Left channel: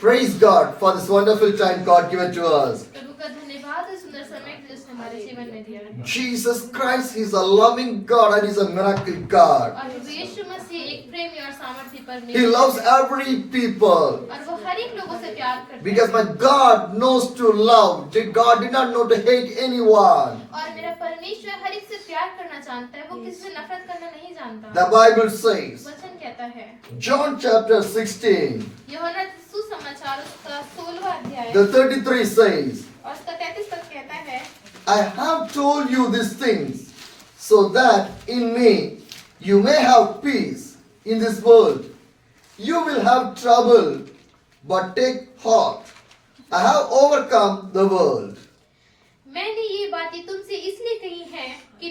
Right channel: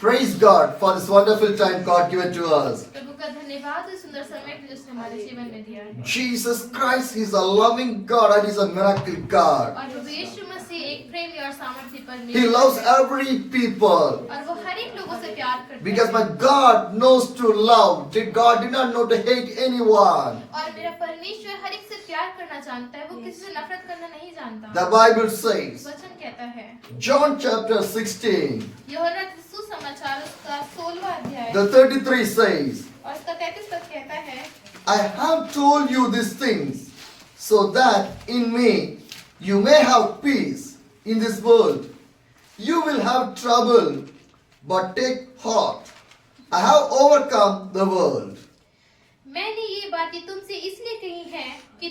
Praise God for this wonderful time God given to us. प्रभु का धन्यवाद इस सुंदर समय के लिए उसने हमारे जीवन में दिया है। Jesus Christ, He's a loving God and He's a miracle God. और प्रभु यीशु मसीह एक प्रेमी और सामर्थी He परमेश्वर loves है। every people. और वो हर एक लोगों से प्यार करता Because my God knows to love. God did not know to hate anyone. है। और मेरा परमेश्वर हर एक से प्यार करना जानता है, वो किसी से नफरत करना नहीं जानता। The Bible says, वचन कहता है John chapter 16, यूहन्ना सुसमाचार उसका 16वां अध्याय the 33 says, और उसका 33 पद कहता है, I have told you these things so that in me you may have peace in this world. You will have trouble, but take heart. I have overcome the world. मैंने ये बातें तुमसे इसलिए कही हैं कि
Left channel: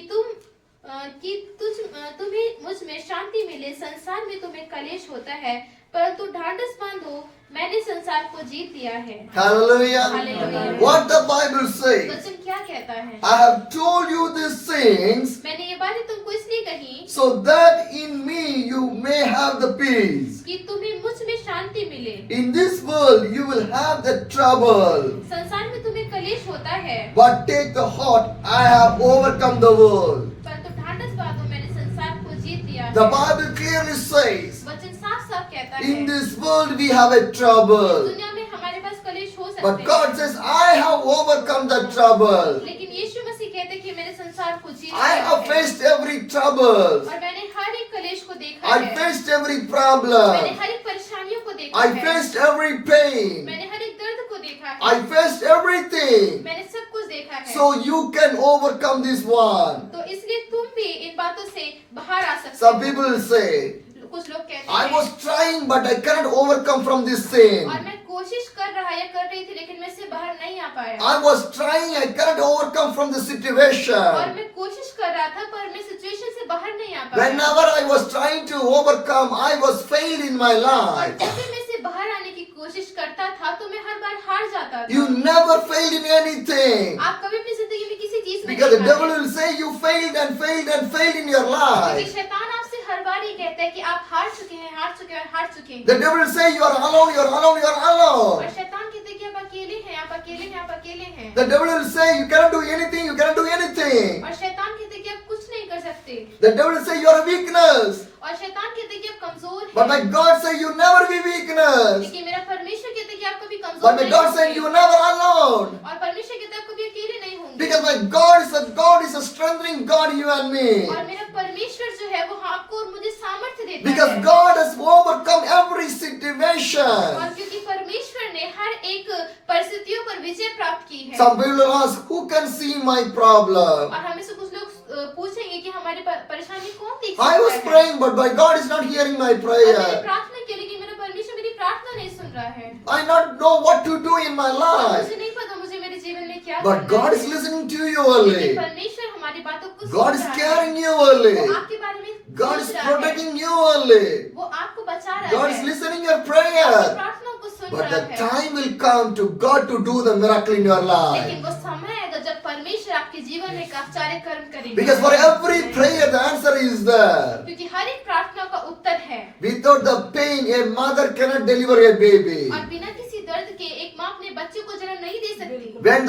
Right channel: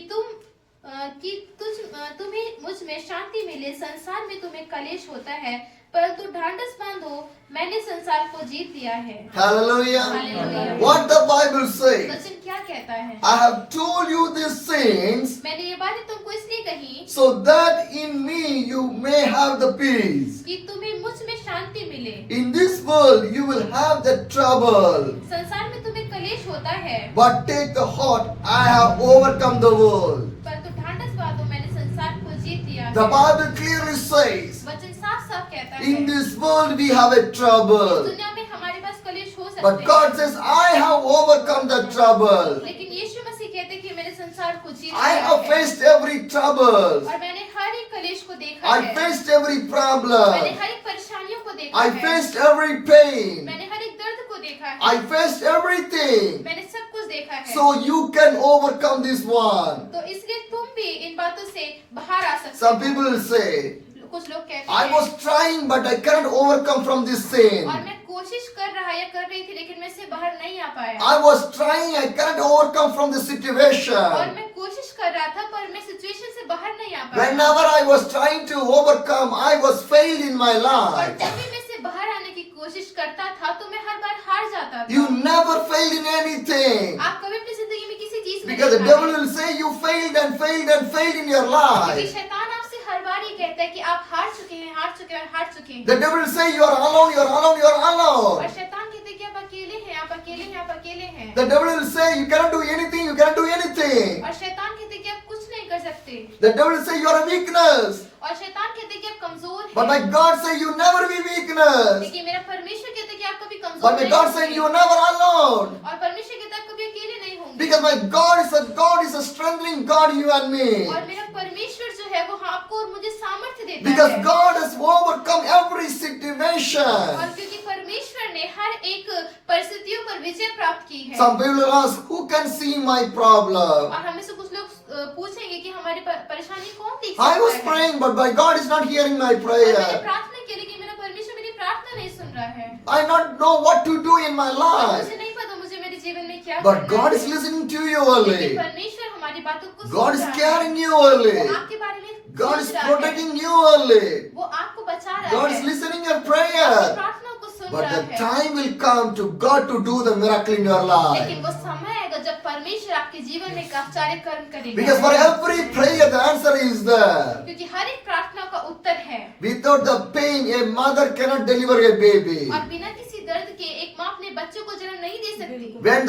तुम्हें मुझ में शांति मिले। संसार में तुम्हें कलेश होता है, परंतु ढांढस बांधो, मैंने संसार को जीत लिया है। Hallelujah. Hallelujah. What the Bible says. वचन क्या कहता है? I have told you these things मैंने ये बातें तुमको इसलिए कही so that in me you may have the peace. कि तुम्हें मुझ में शांति मिले। In this world you will have the trouble. संसार में तुम्हें कलेश होता है, But take the heart, I have overcome the world. परंतु ढांढस बांधो, मैंने संसार को जीत लिया The है। Bible clearly says, वचन साफ-साफ कहता है, in this world we have a trouble. दुनिया में हमारे पास कलेश हो सकते But God हैं, says, I have overcome the trouble. लेकिन यीशु मसीह कहते हैं कि मैंने संसार को जीत I लिया have है। faced every trouble. और मैंने हर एक कलेश को देखा I है, faced every मैंने problem. हर एक परेशानियों को देखा I है, faced every pain. मैंने हर एक दर्द को देखा है, I faced everything. मैंने सब कुछ देखा है। So you can overcome this one. तो इसलिए तुम भी इन बातों से बाहर आ सकते Some हो। people will say, कुछ लोग कहते I हैं, was trying but I cannot overcome from this sin. और मैं कोशिश कर रहा या कर रही थी, लेकिन मैं इससे बाहर नहीं आ पाया। I was trying, I cannot overcome from the और situation. मैं कोशिश कर रहा था, पर मैं सिचुएशन से बाहर नहीं आ पाया। Whenever I was trying to overcome, I was failed in my और life. जब भी मैं इससे बाहर आने की कोशिश करता था, तो मैं हर बार हार जाता था। You never failed in anything. आप कभी अपनी जिंदगी में किसी चीज में Because the नहीं devil हारे। will say you failed and failed and failed in your क्योंकि life. शैतान आपसे हर बार ये कहता है कि आप हार चुके हैं, हार चुके हैं, हार चुके हैं। The devil will say you are alone, you are alone, you are और alone. शैतान कहते हैं कि आप अकेले हैं, आप अकेले हैं, आप अकेले हैं। The devil will say you cannot do anything, you cannot do anything. और शैतान कहते हैं कि आप कुछ नहीं कर सकते। The devil will say you are a weakness. और शैतान कहते हैं कि आप कमजोर But my हैं। God say you never be weakness. लेकिन मेरा परमेश्वर कहता है कि आप कभी कमजोर But my नहीं God say you are never alone. और परमेश्वर कहता है आप कभी अकेले नहीं होंगे। Because my God is a strengthening God, you and me. और मेरा परमेश्वर जो है वो आपको और मुझे सामर्थ्य देता Because है। God has overcome every और situation. क्योंकि परमेश्वर ने हर एक परिस्थितियों पर विजय प्राप्त की है। Some people will ask, who can see my problem? और हमें से कुछ लोग पूछेंगे कि हमारी परेशानी कौन देख I was सकता है। praying, but my God is not hearing my और मैंने prayer. प्रार्थना की, लेकिन मेरा परमेश्वर मेरी प्रार्थना नहीं सुन रहा है। I not know what to do in my और life. मुझे नहीं पता मुझे मेरे जीवन में क्या But करना God है। is listening to you लेकिन early. परमेश्वर हमारी बातों को God सुन is रहा है। caring you वो early. आपके बारे में God is सोच रहा है। protecting you early. वो आपको बचा रहा God है। is listening your आपकी prayer. प्रार्थनाओं को सुन But रहा the है। time will come to God to do the miracle in your लेकिन life. वो समय आएगा जब परमेश्वर आपके जीवन में एक आश्चर्य कर्म करेगा। Because for every prayer the answer is there. क्योंकि हर एक प्रार्थना का उत्तर है। Without the pain, a mother cannot deliver a baby. और बिना किसी दर्द के एक माँ अपने बच्चे को जन्म नहीं दे सकती। When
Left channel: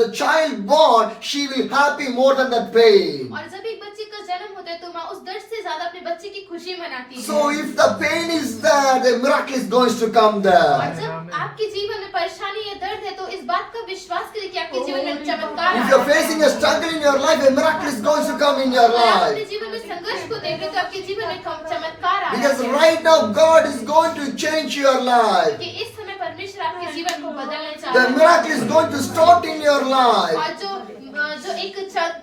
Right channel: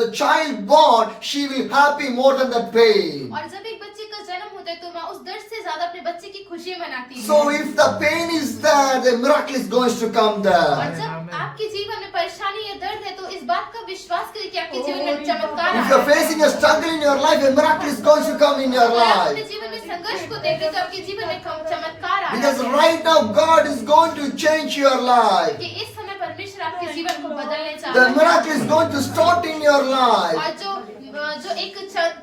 the child born, she will happy more than that pain. और जब एक बच्चे का जन्म होता है तो माँ उस दर्द से ज्यादा अपने बच्चे की खुशी मनाती है। So if the pain is there, the miracle is going to come और there. जब आपके जीवन में परेशानी या दर्द है तो इस बात का विश्वास करें कि आपके जीवन में चमत्कार If you're आएगा। facing a struggle in your life, a miracle is going to come in your अगर आप अपने life. जीवन में संघर्ष को देखें तो आपके जीवन में चमत्कार आएगा। Because right now God is going to change your life. कि इस समय परमेश्वर आपके जीवन को बदलने चाह The रहा है। miracle is going to start in your life. और जो एक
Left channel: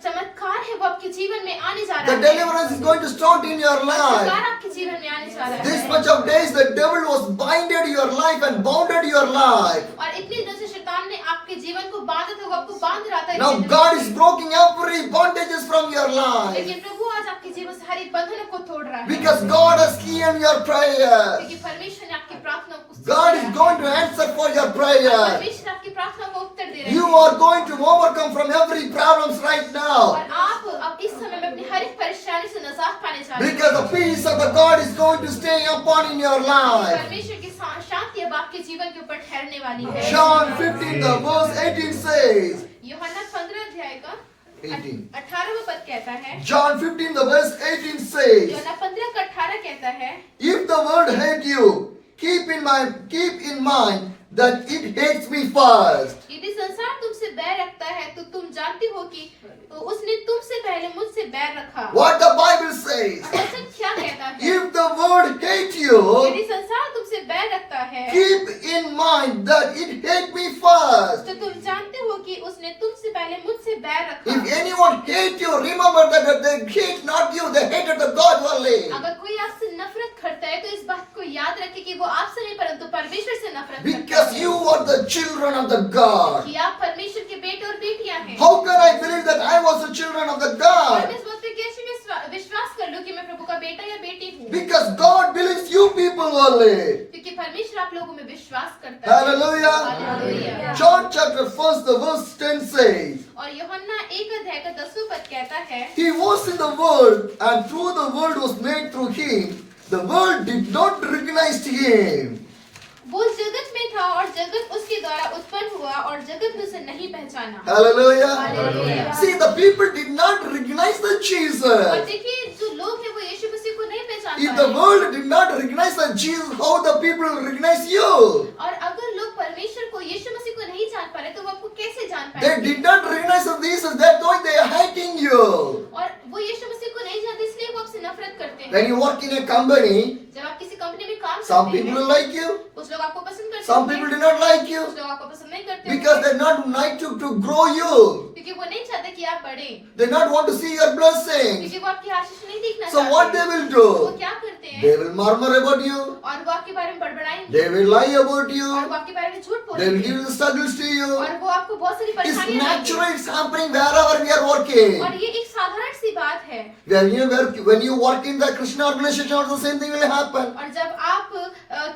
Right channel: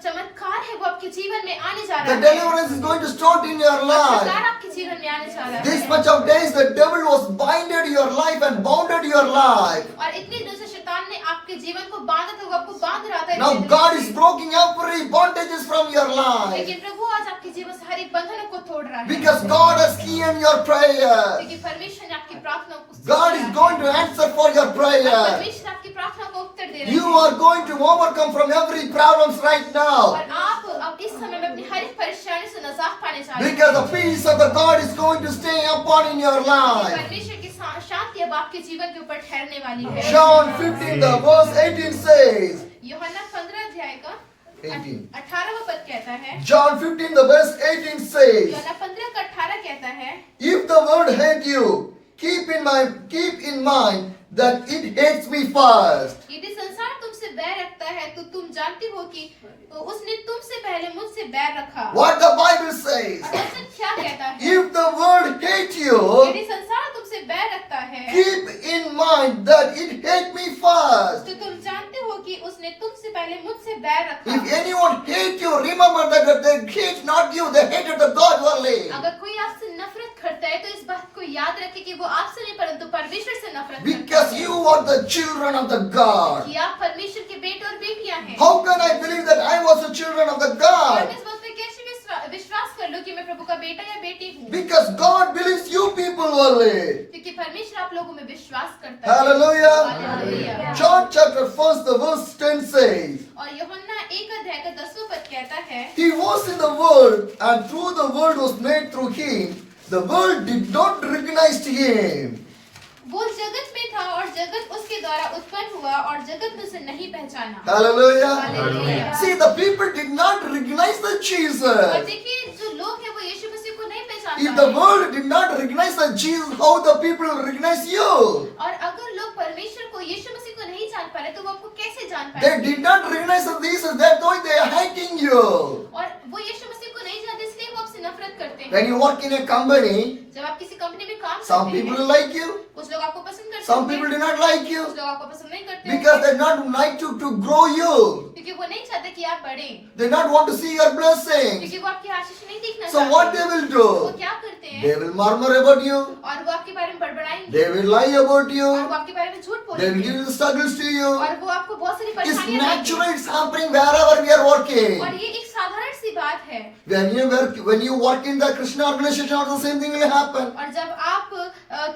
चमत्कार है वो आपके जीवन में आने जा रहा The है। deliverance is going to start in your life. चमत्कार आपके जीवन में आने जा रहा This है। much of days the devil was binded your life and bounded your life. और इतने दिनों से शैतान ने आपके जीवन को बांधा था, वो आपको बांध रहा था। Now God is breaking every bondages from your life. लेकिन प्रभु आज आपके जीवन से हर एक बंधन को तोड़ रहा है। Because God has heard your prayer. क्योंकि परमेश्वर ने आपकी प्रार्थना को सुन God लिया is है। going to answer for your prayer. परमेश्वर आपकी प्रार्थना को उत्तर दे रहे You हैं। are going to overcome from every problems right now. और आप अब इस समय मैं अपनी हर एक परेशानी से निजात पाने जा रही Because the peace of the God is going to stay upon in your हूँ। life. परमेश्वर की शांति अब आपके जीवन के ऊपर ठहरने वाली है। John 15, the verse 18 says, यूहन्ना 15 अध्याय का 18. 18वां पद कहता है, John 15, the verse 18 says, यूहन्ना 15 का 18 कहता है, if the world hate you, keep in mind that it hates me first. यदि संसार तुमसे बैर रखता है तो तुम जानते हो कि उसने तुमसे पहले मुझसे बैर रखा। What the Bible says, और वचन क्या कहता है? if the world hate you, यदि संसार तुमसे बैर रखता है keep in mind that it hate me first. तो तुम जानते हो कि उसने तुमसे पहले मुझसे बैर रखा। If anyone hate you, remember that they hate not you, they hated the God only. अगर कोई आपसे नफरत करता है तो इस बात को याद रखें कि वो आपसे नहीं परंतु परमेश्वर से नफरत करता Because है। you are the children of the God. कि आप परमेश्वर के बेटे और बेटियां हैं। How can I believe that I was the children of the और God? मैं इस बात पे कैसे विश्वास कर लूं कि मैं प्रभु का बेटा या बेटी हूँ? Because God believes you people only. क्योंकि परमेश्वर आप लोगों में विश्वास करता है। Hallelujah. Hallelujah. John chapter 1, the verse 10 says, और यूहन्ना 1 अध्याय का 10वां पद कहता है, He was in the world, and through the world was made through Him. The world did not recognize Him. वो जगत में था और जगत उसके द्वारा उत्पन्न हुआ और जगत ने उसे नहीं पहचाना। Hallelujah. Hallelujah. See, the people did not recognize the और Jesus. देखिए जो लोग हैं वो यीशु मसीह को नहीं पहचान If पा the रहे। world did not recognize the Jesus, how the people recognize you? और अगर लोग परमेश्वर को यीशु मसीह को नहीं जान पा रहे तो वो आपको कैसे जान They पाएंगे? did not recognize the Jesus. That's why they are hating you. और वो यीशु मसीह को नहीं जानते इसलिए वो आपसे नफरत करते हैं। When you work in a company, जब आप किसी कंपनी में काम some करते people हैं, will like you, कुछ लोग आपको पसंद करते some हैं, people do not like you कुछ लोग आपको पसंद नहीं करते because they not like to grow you. क्योंकि वो नहीं चाहते कि आप बढ़े, They not want to see your blessings. क्योंकि वो आपकी आशीष नहीं देखना So what चाहते। they will वो do? क्या करते हैं? They will murmur about you. और वो आपके बारे में बड़बड़ाएंगे, They will lie about और you. वो आपके बारे में झूठ They will बोलेंगे, give the struggles to you. और वो आपको बहुत सारी It's परेशानियां natural. देंगे। It's happening wherever we are working. और ये एक साधारण सी बात है। When you work in the Krishna organization, also the same thing will happen. और जब आप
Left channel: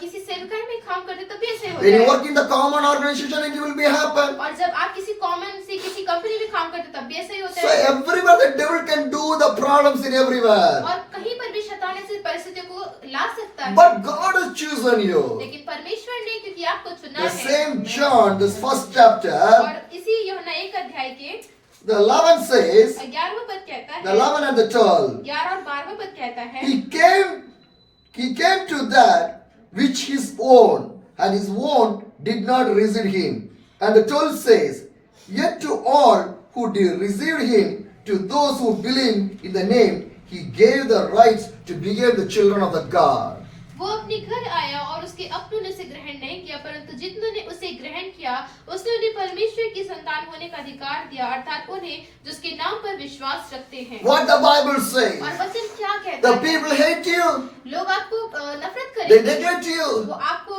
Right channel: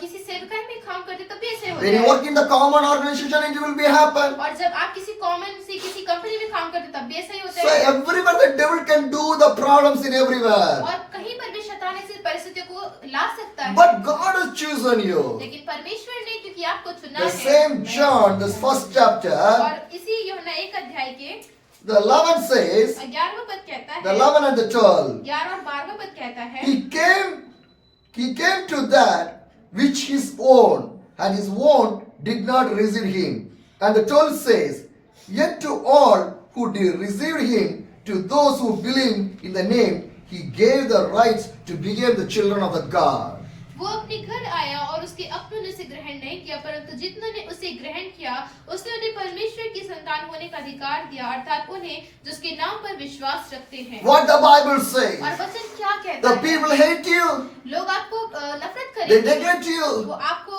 किसी सेवकाई में काम करते तब भी ऐसे होता When you है। work in the common organization, it will be happen. और जब आप किसी कॉमन से किसी कंपनी में काम करते तब भी ऐसा ही होता So है। everywhere the devil can do the problems in everywhere. और कहीं पर भी शैतान ऐसी परिस्थितियों को ला सकता है। But God has chosen you. लेकिन परमेश्वर ने क्योंकि आपको चुना The है। same John, this first chapter, और इसी यूहन्ना 1 अध्याय के the 11 says, 11वां पद कहता the है, 11 and the 12, 11 और 12वां पद कहता है, he came to that which his own, and his own did not receive him. And the 12 says, yet to all who did receive him, to those who believe in the name, he gave the rights to become the children of the God. वो अपने घर आया और उसके अपनों ने उसे ग्रहण नहीं किया, परंतु जितनों ने उसे ग्रहण किया उसने उन्हें परमेश्वर की संतान होने का अधिकार दिया, अर्थात उन्हें जो उसके नाम पर विश्वास रखते हैं। What the Bible says, और वचन क्या कहता the है? people hate you, लोग आपको नफरत they करेंगे, neglect you, वो आपको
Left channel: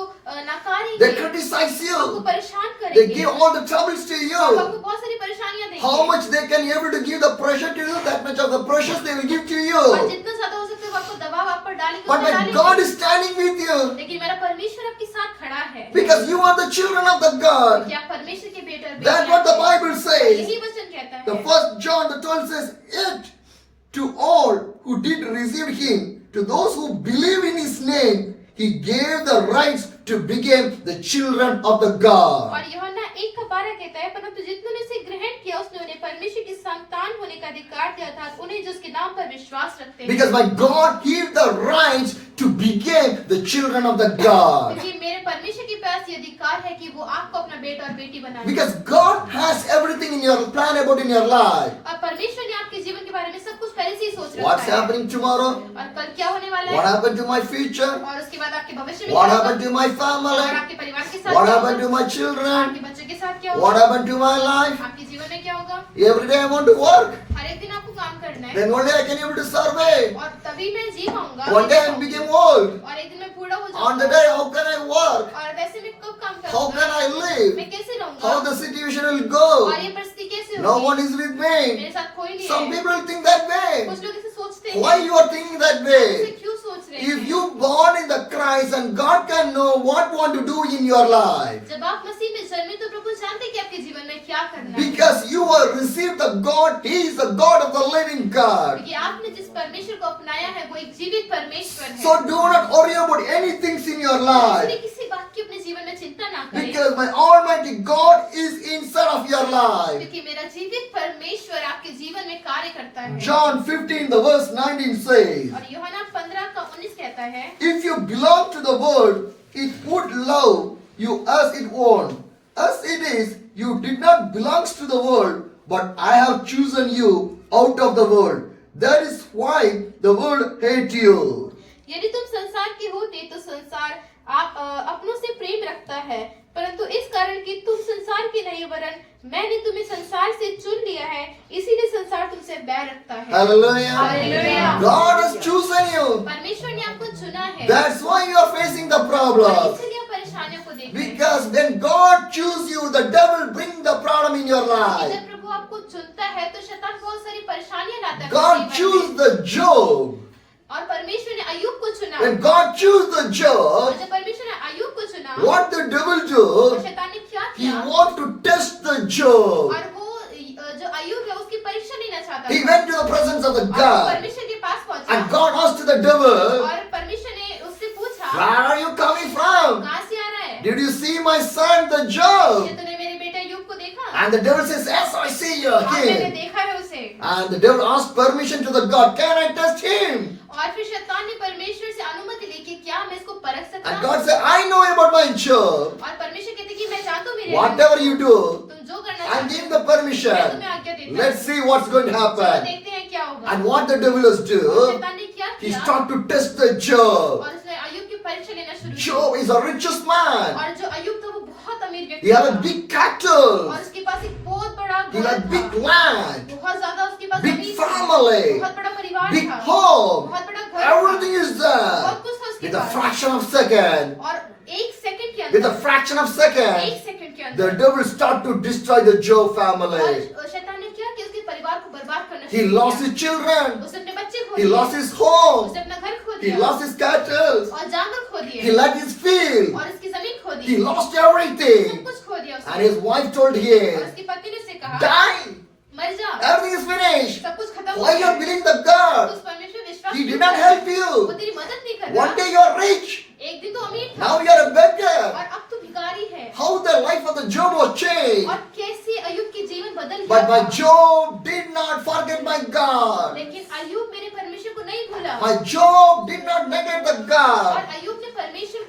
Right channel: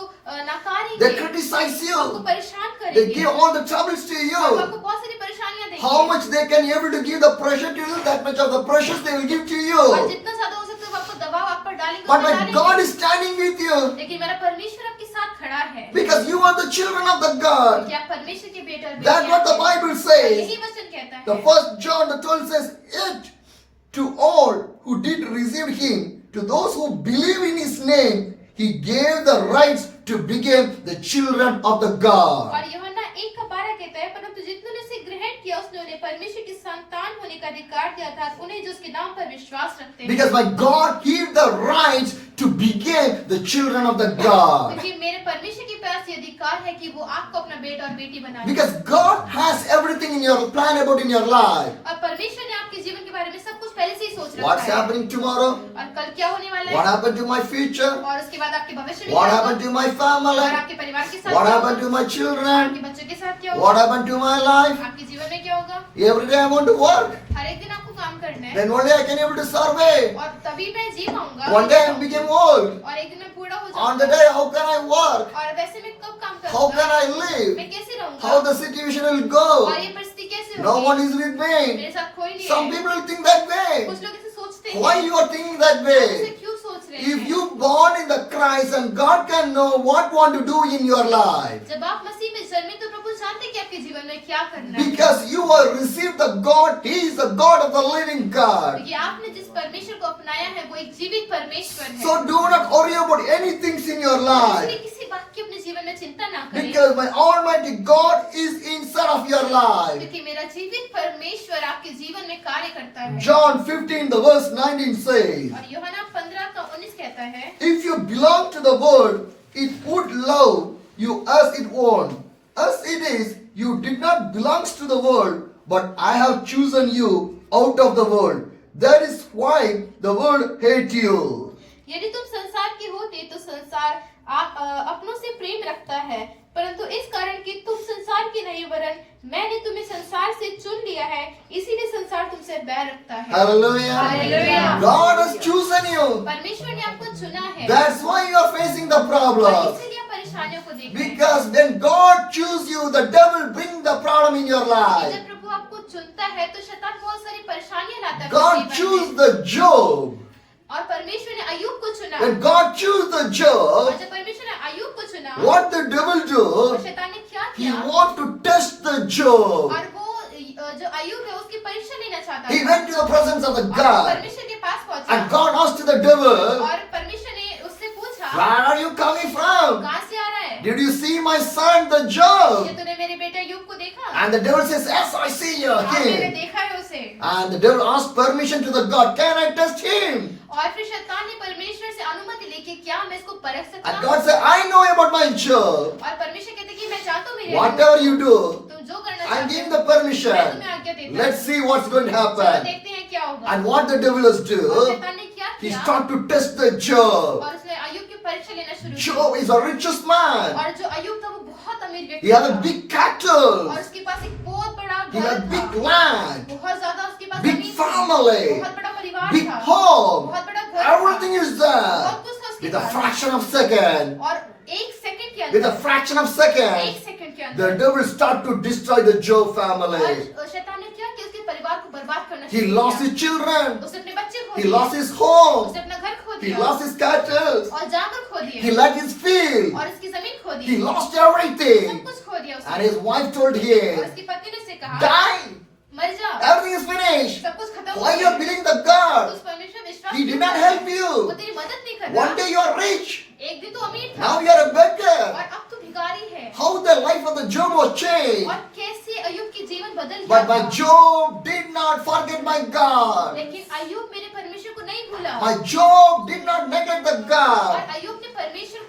नकारेंगे, they criticize आपको you, परेशान they करेंगे, give all the troubles to और वो you. आपको बहुत सारी परेशानियां देंगे। How much they can able to give the pressure to you, that much of the pressures they will give to और you. जितना ज्यादा हो सकता है वो आपको दबाव आप पर डालेंगे, But वो my डालेंगे। God is standing with you लेकिन मेरा परमेश्वर आपके साथ खड़ा है, because you are the children of the God. क्या परमेश्वर के बेटे और That's बेटियां what the हैं। Bible says. यही वचन कहता है। The first John the 12 says, yet to all who did receive him, to those who believe in his name, he gave the rights to become the children of the God. और यूहन्ना 1:12 कहता है, परंतु जितने ने उसे ग्रहण किया उसने उन्हें परमेश्वर की संतान होने का अधिकार दिया था, उन्हें जो उसके नाम पर विश्वास रखते हैं। Because my God gave the rights to become the children of the God. क्योंकि मेरे परमेश्वर के पास ये अधिकार है कि वो आपको अपना बेटा और बेटी बनाए। Because God has everything in your plan about in your life. और परमेश्वर ने आपके जीवन के बारे में सब कुछ पहले से ही सोच रखा What's है। happening tomorrow? और कल क्या होने वाला What है? happened to my future? और उसके बाद आपके भविष्य में What क्या happened होगा? to my और family? आपके परिवार के साथ What क्या happened होगा? to my children? आपके बच्चों के साथ क्या What होगा? happened to my life? आपके जीवन में क्या होगा? Every day I want to work. हर एक दिन आपको काम करना है, Then one day I can able to survive. और तभी मैं जी पाऊंगा। One day I became old. और एक दिन मैं बूढ़ा हो On the जाऊंगा। day, how can I work? और वैसे मैं कब काम How can करूंगा? I live? मैं कैसे रहूंगा? How the situation will और go? ये परिस्थिति कैसे No होगी? one is with मेरे me. साथ कोई नहीं Some है। people think that way. कुछ लोग ऐसे सोचते हैं। Why you are thinking that आप ऐसे way? क्यों सोच रहे रहे if हैं। you born in the Christ and God can know what want to do in your life. जब आप मसीह में जन्मे तो प्रभु जानते हैं कि आपके जीवन में क्या करना है। Because you have received the God, He is the God of the living God. क्योंकि आपने जिस परमेश्वर को अपनाया है वो एक जीवित परमेश्वर है। So do not worry about anything in your life. इसलिए किसी बात की अपने जीवन में चिंता ना करें। Because my Almighty God is inside of your life. क्योंकि मेरा जीवित परमेश्वर आपके जीवन में कार्य करता है। John 15, the verse 19 says, और यूहन्ना 15:19 कहता है, if you belong to the world, it would love you as it won't. As it is, you did not belong to the world, but I have chosen you out of the world. That is why the world hate you. यदि तुम संसार के होते तो संसार आप अपनों से प्रेम रखता है, परंतु इस कारण कि तुम संसार के नहीं वरन मैंने तुम्हें संसार से चुन लिया है, इसीलिए संसार तुमसे बैर रखता है। Hallelujah. Hallelujah. God has chosen you. परमेश्वर ने आपको चुना है। That's why you are facing the और problem. इसीलिए आप परेशानियों को देख रहे हैं। Because when God chooses you, the devil brings the problem in your life. जब प्रभु आपको चुनता है तो शैतान बहुत सारी परेशानियां लाता है। God chose the Job. और परमेश्वर ने अय्यूब को चुना। When God chose the और Job, जब परमेश्वर ने अय्यूब को चुना, what the devil तो do? शैतान ने क्या He किया? want to test the Job. और वो जो अय्यूब है उसकी परीक्षा लेना चाहता He था। went to the presence of the और वो God. परमेश्वर के पास पहुंचा। And God asked the devil, और परमेश्वर ने उससे पूछा, where are you coming from? कहाँ से आ रहा है? Did you see my son, the Job? ये तूने मेरे बेटे अय्यूब को देखा? And the devil says, yes, I see you हाँ, मैंने again. देखा है उसे। And the devil asked permission to the God, can I test him? और फिर शैतान ने परमेश्वर से अनुमति लेके क्या मैं इसको परख सकता And हूँ? God said, I know about my Job. और परमेश्वर कहते कि मैं जानता हूँ मेरे Whatever you do, तुम जो करना I'll चाहते give हो, the मैं permission. तुम्हें आज्ञा देता हूँ। Let's see what's going to चलो happen. देखते हैं क्या होगा। And what the devil has और do, शैतान ने क्या he किया? started to test the Job. और उसने अय्यूब की परीक्षा लेना शुरू किया। Job is the richest man. और जो अय्यूब था वो बहुत अमीर व्यक्ति He had a था। big cattle. और उसके पास एक बहुत बड़ा He घर had था। big land, बहुत ज्यादा उसके पास big जमीन थी। family, बहुत बड़ा परिवार big था। home. बहुत बड़ा घर था। Everything is there. बहुत कुछ था उसके With a pass. fraction of second, और एक सेकंड के with a अंदर, fraction of एक second, सेकंड के the अंदर devil started to destroy the Job family. और शैतान ने क्या किया? उसके परिवार को बर्बाद करना He शुरू lost किया। his children. उसने अपने बच्चे खो He दिए। lost his home. उसने अपना घर खो He दिया। lost his cattle. और जानवर खो दिए। He let his field. और इसकी जमीन खो दी। He lost सब everything. कुछ खो दिया And उसने। his wife told और him, उसकी पत्नी ने उसे कहा, die. मर जा। Everything is finished. सब कुछ खत्म हो Why you गया। are believing the God? उस परमेश्वर विश्वास He नहीं did not करता। help वो you. तेरी मदद नहीं कर One रहा। day you are rich. एक दिन तो अमीर था Now you are a beggar. और अब तो भिखारी है। How the life of the Job was changed. और कैसे अय्यूब की जीवन बदल But गया my था। Job did not forget my God. लेकिन अय्यूब मेरे परमेश्वर को नहीं भूला। My Job did not neglect the और God. अय्यूब ने परमेश्वर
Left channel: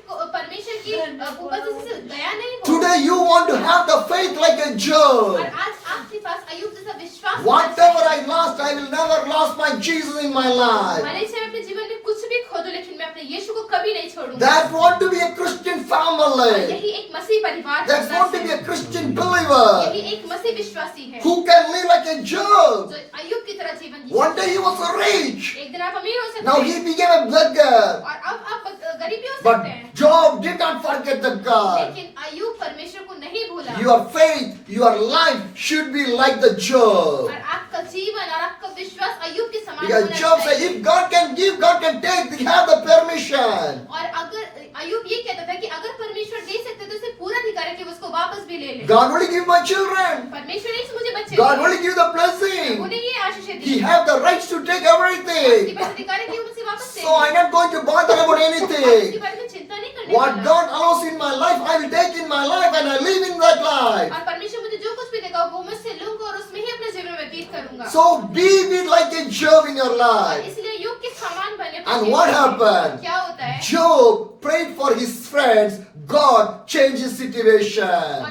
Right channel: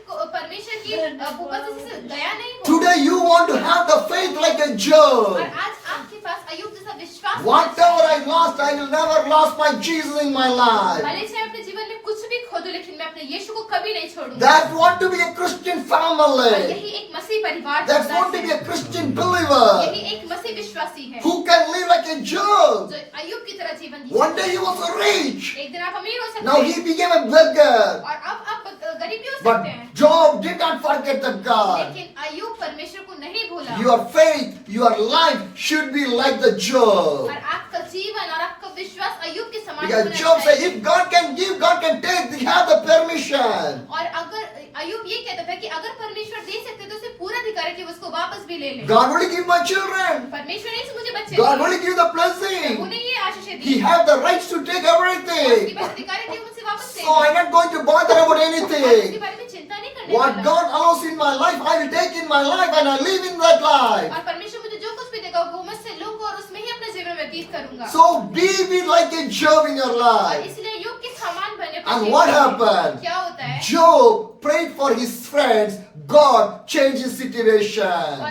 की उपस्थिति से गया नहीं हो। Today you want to have the faith like a और Job. आज आपके पास अय्यूब जैसा विश्वास होना Whatever चाहिए। I lost, I will never lose my Jesus in my life. भले चाहे अपने जीवन में कुछ भी खो दो, लेकिन मैं अपने यीशु को कभी नहीं छोड़ूंगा। That want to be a Christian और family. यही एक मसीह परिवार That होता want to be है। a Christian believer. यही एक मसीह विश्वासी है Who can live like a Job. जो अय्यूब की तरह जीवन जी One सकता day he was rich. है। एक दिन आप अमीर हो सकते Now हैं he became a beggar. और अब आप गरीब भी हो But सकते हैं, Job did not forget the God. लेकिन अय्यूब परमेश्वर को नहीं भूला। Your faith, your life should be like the Job. और आपका जीवन और आपका विश्वास अय्यूब के समान Because होना Job said, चाहिए। if God can give, God can take. They have the permission. और अगर अय्यूब ये कहता था कि अगर परमेश्वर दे सकते तो उसे पूरा अधिकार है कि वो उसको वापस भी ले ले। God will give my children. परमेश्वर ने मुझे बच्चे God दिए। will give the blessing. उन्हें ये आशीष He दी। have the rights to take उसके everything. पास अधिकार है कि वो मुझे वापस दे। So I'm not going to bother about और उसके anything. बारे में चिंता नहीं करने What वाला। God allows in my life, I will take in my life and I live in that life. और परमेश्वर मुझे जो कुछ भी देगा वो मैं उससे लूंगा और उसमें ही अपना जीवन व्यतीत करूंगा। So be like a Job in your और life. इसलिए अय्यूब के समान बने अपने And जीवन what में। happened? क्या होता है? Job prayed for his friends. God changed his situation.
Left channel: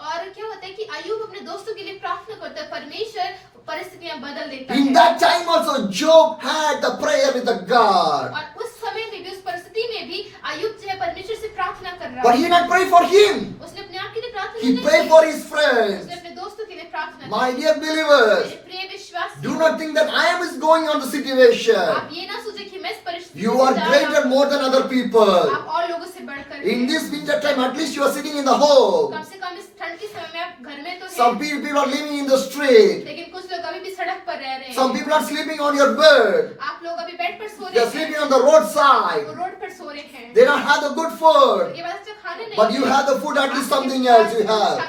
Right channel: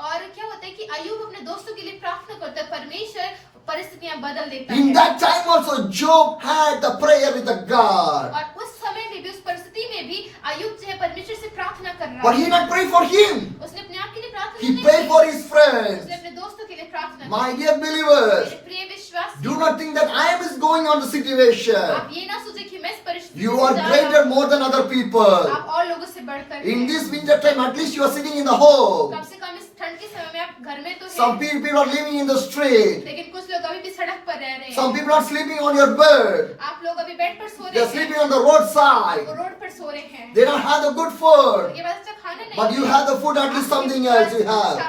और क्या होता है कि अय्यूब अपने दोस्तों के लिए प्रार्थना करता है, परमेश्वर परिस्थितियां बदल देता In है। that time also, Job had the prayer with the God. और उस समय में भी, उस परिस्थिति में भी अय्यूब जो है परमेश्वर से प्रार्थना कर रहा But he है। not pray for him. उसने अपने आप के लिए प्रार्थना He नहीं prayed की। for his उसने friends. अपने दोस्तों के लिए प्रार्थना की। My dear believers, मेरे प्रिय विश्वासी, do not think that I am is going on the situation. आप ये ना सोचे कि मैं इस परिस्थिति You are greater more than other people. आप और लोगों से बढ़कर In हैं। this winter time, at least you are sitting in the home. कम से कम इस ठंड के समय में आप घर में तो Some हैं, people are living in the street. लेकिन कुछ लोग अभी भी सड़क पर रह रहे Some हैं। people are sleeping on your bed. आप लोग अभी बेड पर सो They रहे are sleeping हैं, on the roadside. वो रोड पर सो रहे हैं। They don't have the good food. उनके पास अच्छा खाना नहीं But you है। have the food, at least आपके something पास else you have.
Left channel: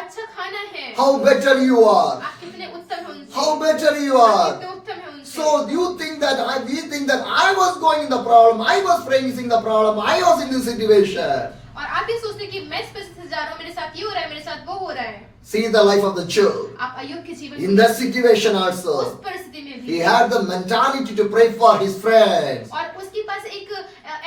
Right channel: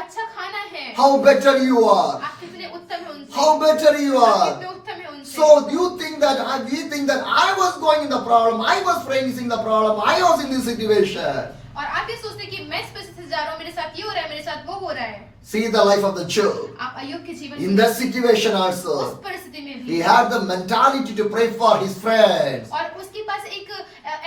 अच्छा खाना है। How better you are. आप कितने उत्तम हैं उनसे। How better you आप are. कितने उत्तम हैं उनसे। So we think that I was going in the problem, I was facing the problem, I was in this situation. और आप ये सोचते हैं कि मैं इस परिस्थिति से जा रहा हूँ, मेरे साथ ये हो रहा है, मेरे साथ वो हो रहा है। See the life of the Job. आप अय्यूब के जीवन In that situation उस also, परिस्थिति में he भी had the mentality to pray for his friends. और उसके पास एक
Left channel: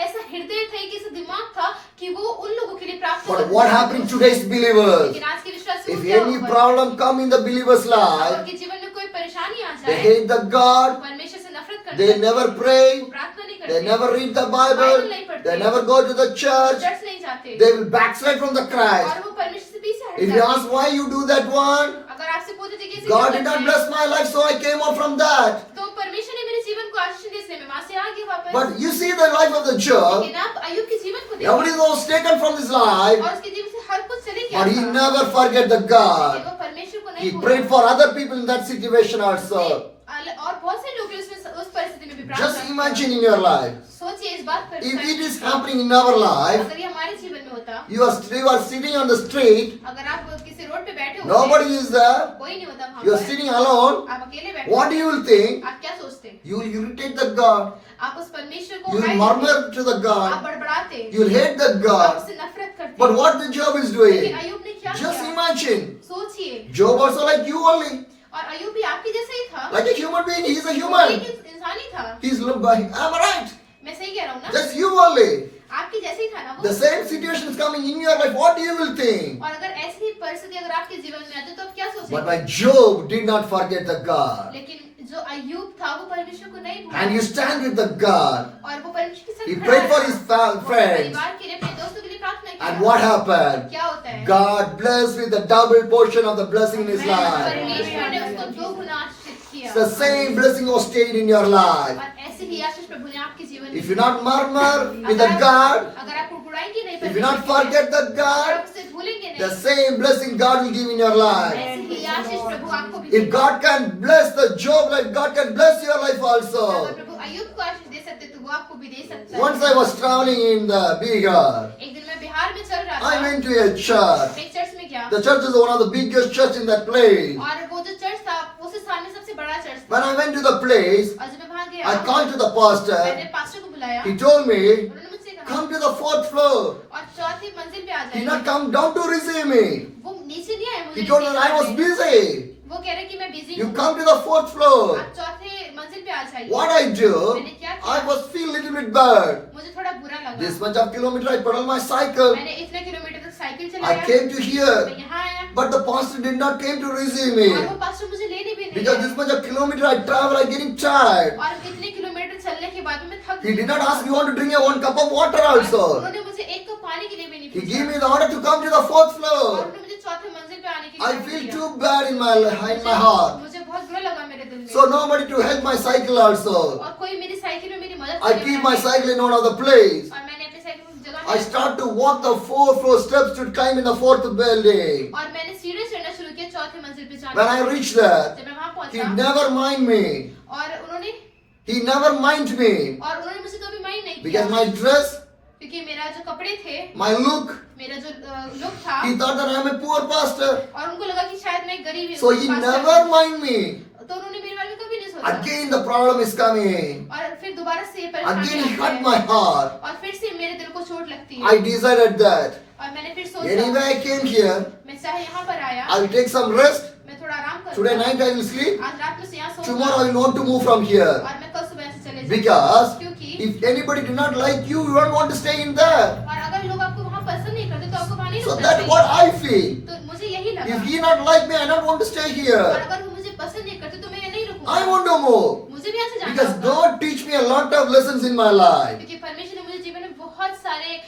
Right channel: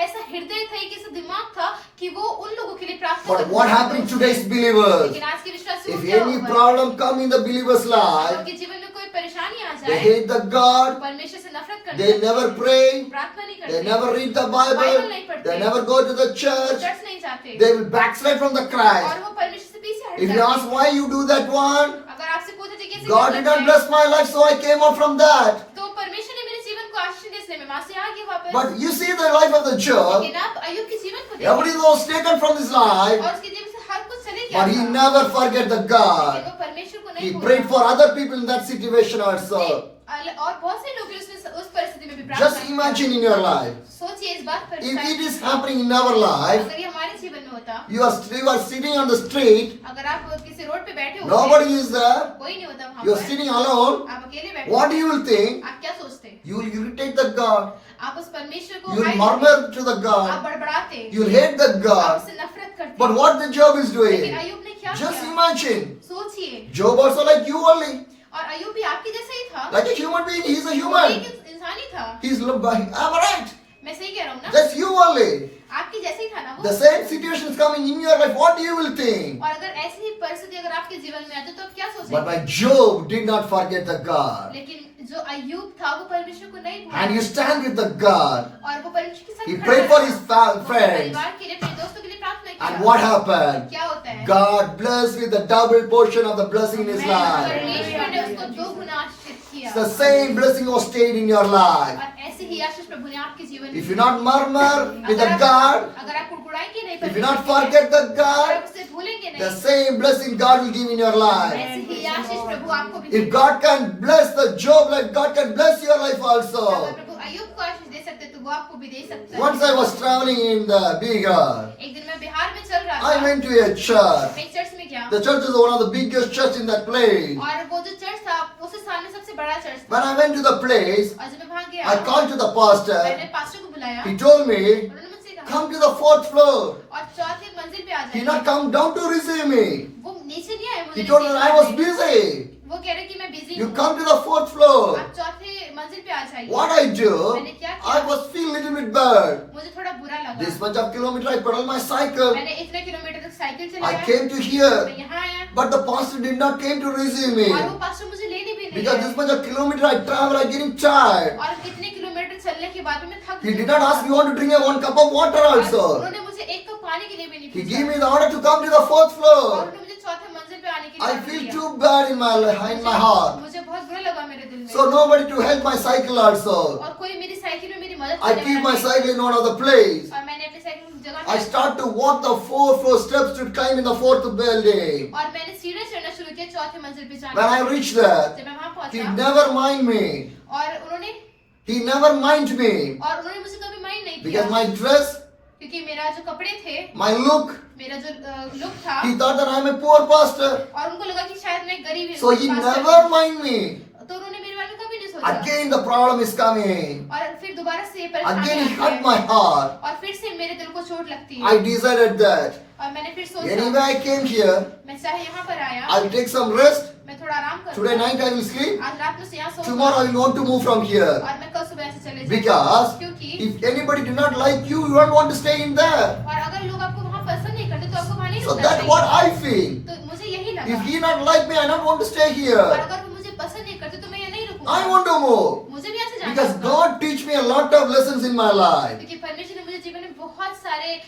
ऐसा हृदय था, एक ऐसा दिमाग था कि वो उन लोगों के लिए प्रार्थना But करता what था। happened to today's believers? लेकिन आज के विश्वासियों If को क्या any होगा? problem come in the believer's अगर life, उनके जीवन में कोई परेशानी आ they जाए, hate the God, परमेश्वर से नफरत करते they हैं, never वो pray, प्रार्थना नहीं they करते, never read the Bible, they never go to the church, church नहीं जाते, they will backslide from the Christ. और वो परमेश्वर से पीछे हट If you जाते ask हैं। why you do that one, अगर आपसे पूछे कि कैसे God क्या did करते not हैं, bless my life, so I came out from that. तो परमेश्वर ने मेरे जीवन को आशीष दी, इसलिए मैं वहां से आ गई वापस। But you see the life of the Job, लेकिन आप अय्यूब के जीवन को everything देखिए, was taken from his life, और उसके जीवन से हर कुछ चले गया but he था। never forget the लेकिन God. वो परमेश्वर को He नहीं prayed भूला। for other people in that situation also. और बहुत से लोग हैं उस परिस्थिति में भी प्रार्थना Just करते हैं। imagine in your life, सोचिए इस बात पर, if it is happening in our life, अगर ये हमारे जीवन में होता, you are sitting on the street, अगर आप किसी रोड पे बैठे होते, nobody is there, कोई नहीं होता वहां you are पर, sitting alone, आप अकेले बैठे what you will think? आप क्या सोचते? You will irritate the God, आप उस परमेश्वर को you will हाय murmur करते, to the आप God, बड़बड़ाते, you will hate the आप God. उससे नफरत करते। But what the Job is लेकिन doing? अय्यूब ने क्या Just किया? imagine, सोचिए, Job also like you only, और अय्यूब भी आपके जैसा ही था, like a human being, he is a वो human. एक इंसान ही था। Am I right? मैं सही कह रहा हूँ ना? Just you only. आपके जैसे ही था ना वो। The same situation is coming in your life, what you will think? और अगर ऐसी ही परिस्थिति अगर आपके जीवन में आती तो आप क्या But सोचेंगे? my Job did not forget the God. लेकिन जो अय्यूब था वो परमेश्वर को नहीं भूला, And you stand with the God. और वो परमेश्वर के साथ He खड़ा prayed for रहा। his वो friends. परिवार के लिए, अपने दोस्तों के लिए प्रार्थना किया। And what happened? क्या होता है? God blessed with the double portion of the blessing in his life. परमेश्वर ने उसको दो गुना आशीष किया। The same blessing was stayed in your life. और ऐसे ही आशीष प्रभु ने आपके जीवन में If you not murmur with अगर the आप- God, अगर आप कुड़कुड़ाएंगे नहीं, if you not परमेश्वर के लिए, forget the अगर God, आप उससे भूलेंगे the नहीं, same blessing God will give in your life. ऐसे ही आशीष प्रभु आपको भी If God can bless the Job, like God can bless your life अगर also. प्रभु अय्यूब को आशीष दे सकते तो वो आपको भी दे सकता है। Once I was traveling in the Bihar, एक दिन मैं बिहार में चल रहा I था, went to a church. मैं एक चर्च में गया, The church is one of the biggest church in that place. और वो जो चर्च था उस स्थान में सबसे बड़ा चर्च था। When I went to the place, और जब मैं वहां गया, I called to the pastor. मैंने पास्टर को बुलाया, He told me, उन्होंने मुझसे कहा, come to the fourth floor. और चौथी मंजिल पे आ He did not जाइए। come down to receive me. वो नीचे नहीं आए मुझे He told me लेने I was के लिए। busy. वो कह रहे कि मैं बिजी You हूँ, come to the fourth floor. आप चौथे मंजिल पे आ जाइए। What I do, मैंने क्या किया? I was feel little bit bad. मुझे थोड़ा बुरा लगा। This much of kilometer I pedal my cycle. मैंने इतने किलोमीटर तक साइकिल I चलाया, came to मैं here, यहाँ आया, but the pastor did not came to receive me. और वो पास्टर मुझे लेने भी नहीं Because आए। this much of kilometer I travel, I getting tired. और इतने किलोमीटर चलने के बाद में थक He गई। did not ask me want to drink a one cup of water और also. उन्होंने मुझे एक कप पानी के लिए भी नहीं He पूछा। gave me the order to come to the fourth और floor. उन्होंने मुझे चौथे मंजिल पे आने की I जरूरत feel दिया। too bad in my heart. मुझे बहुत बुरा लगा मेरे दिल में। So nobody to help my cycle also. और कोई मेरी साइकिल में मेरी मदद I करने keep वाला my नहीं। cycle in one of the place. और मैंने अपनी साइकिल को जगह I start to walk the 4 floor steps to climb in the fourth building. और मैंने सीढ़ी चढ़ना शुरू किया चौथे मंजिल पे जाने When I reached there, जब मैं वहां he पहुंचा, never mind me. और उन्होंने He never mind me. मुझे कभी माइंड नहीं Because किया, my dress, क्योंकि मेरा जो कपड़े थे, my look, मेरा जो लुक था, he thought that I am a poor pastor. और उनको लगा कि शायद मैं गरीब So he पास्टर never हूँ। mind me. तो उन्होंने मेरे बारे में कभी नहीं सोचा। Again the problem is coming. और फिर दोबारा से ये परेशानी Again आती it hurt है। my heart. और फिर से मेरे दिल को चोट लगती है। I decided that. और मैंने फिर सोचा, Anyway I came here. मैं चाहे यहाँ पर आया, I will take some rest. मैं थोड़ा आराम करूँ। Today night I will sleep. आज रात में से यहाँ सोऊंगा। Tomorrow I will want to move from here. और मैं कल सुबह से चले जाऊंगा। Because क्योंकि if anybody do not like you, you don't want to stay in there. और अगर लोग आपको वहाँ पसंद नहीं करते तो आपको वहाँ नहीं So रुकना that's चाहिए। what I feel. तो मुझे यही लगा। If he not like me, I don't want to stay और here. अगर वो मुझे पसंद नहीं करते तो मैं यहाँ नहीं रुकूंगा। I want to move. मुझे भी यहाँ से जाना Because होगा। God teach me a lot of lessons in my life. क्योंकि परमेश्वर ने मुझे जीवन में बहुत सारे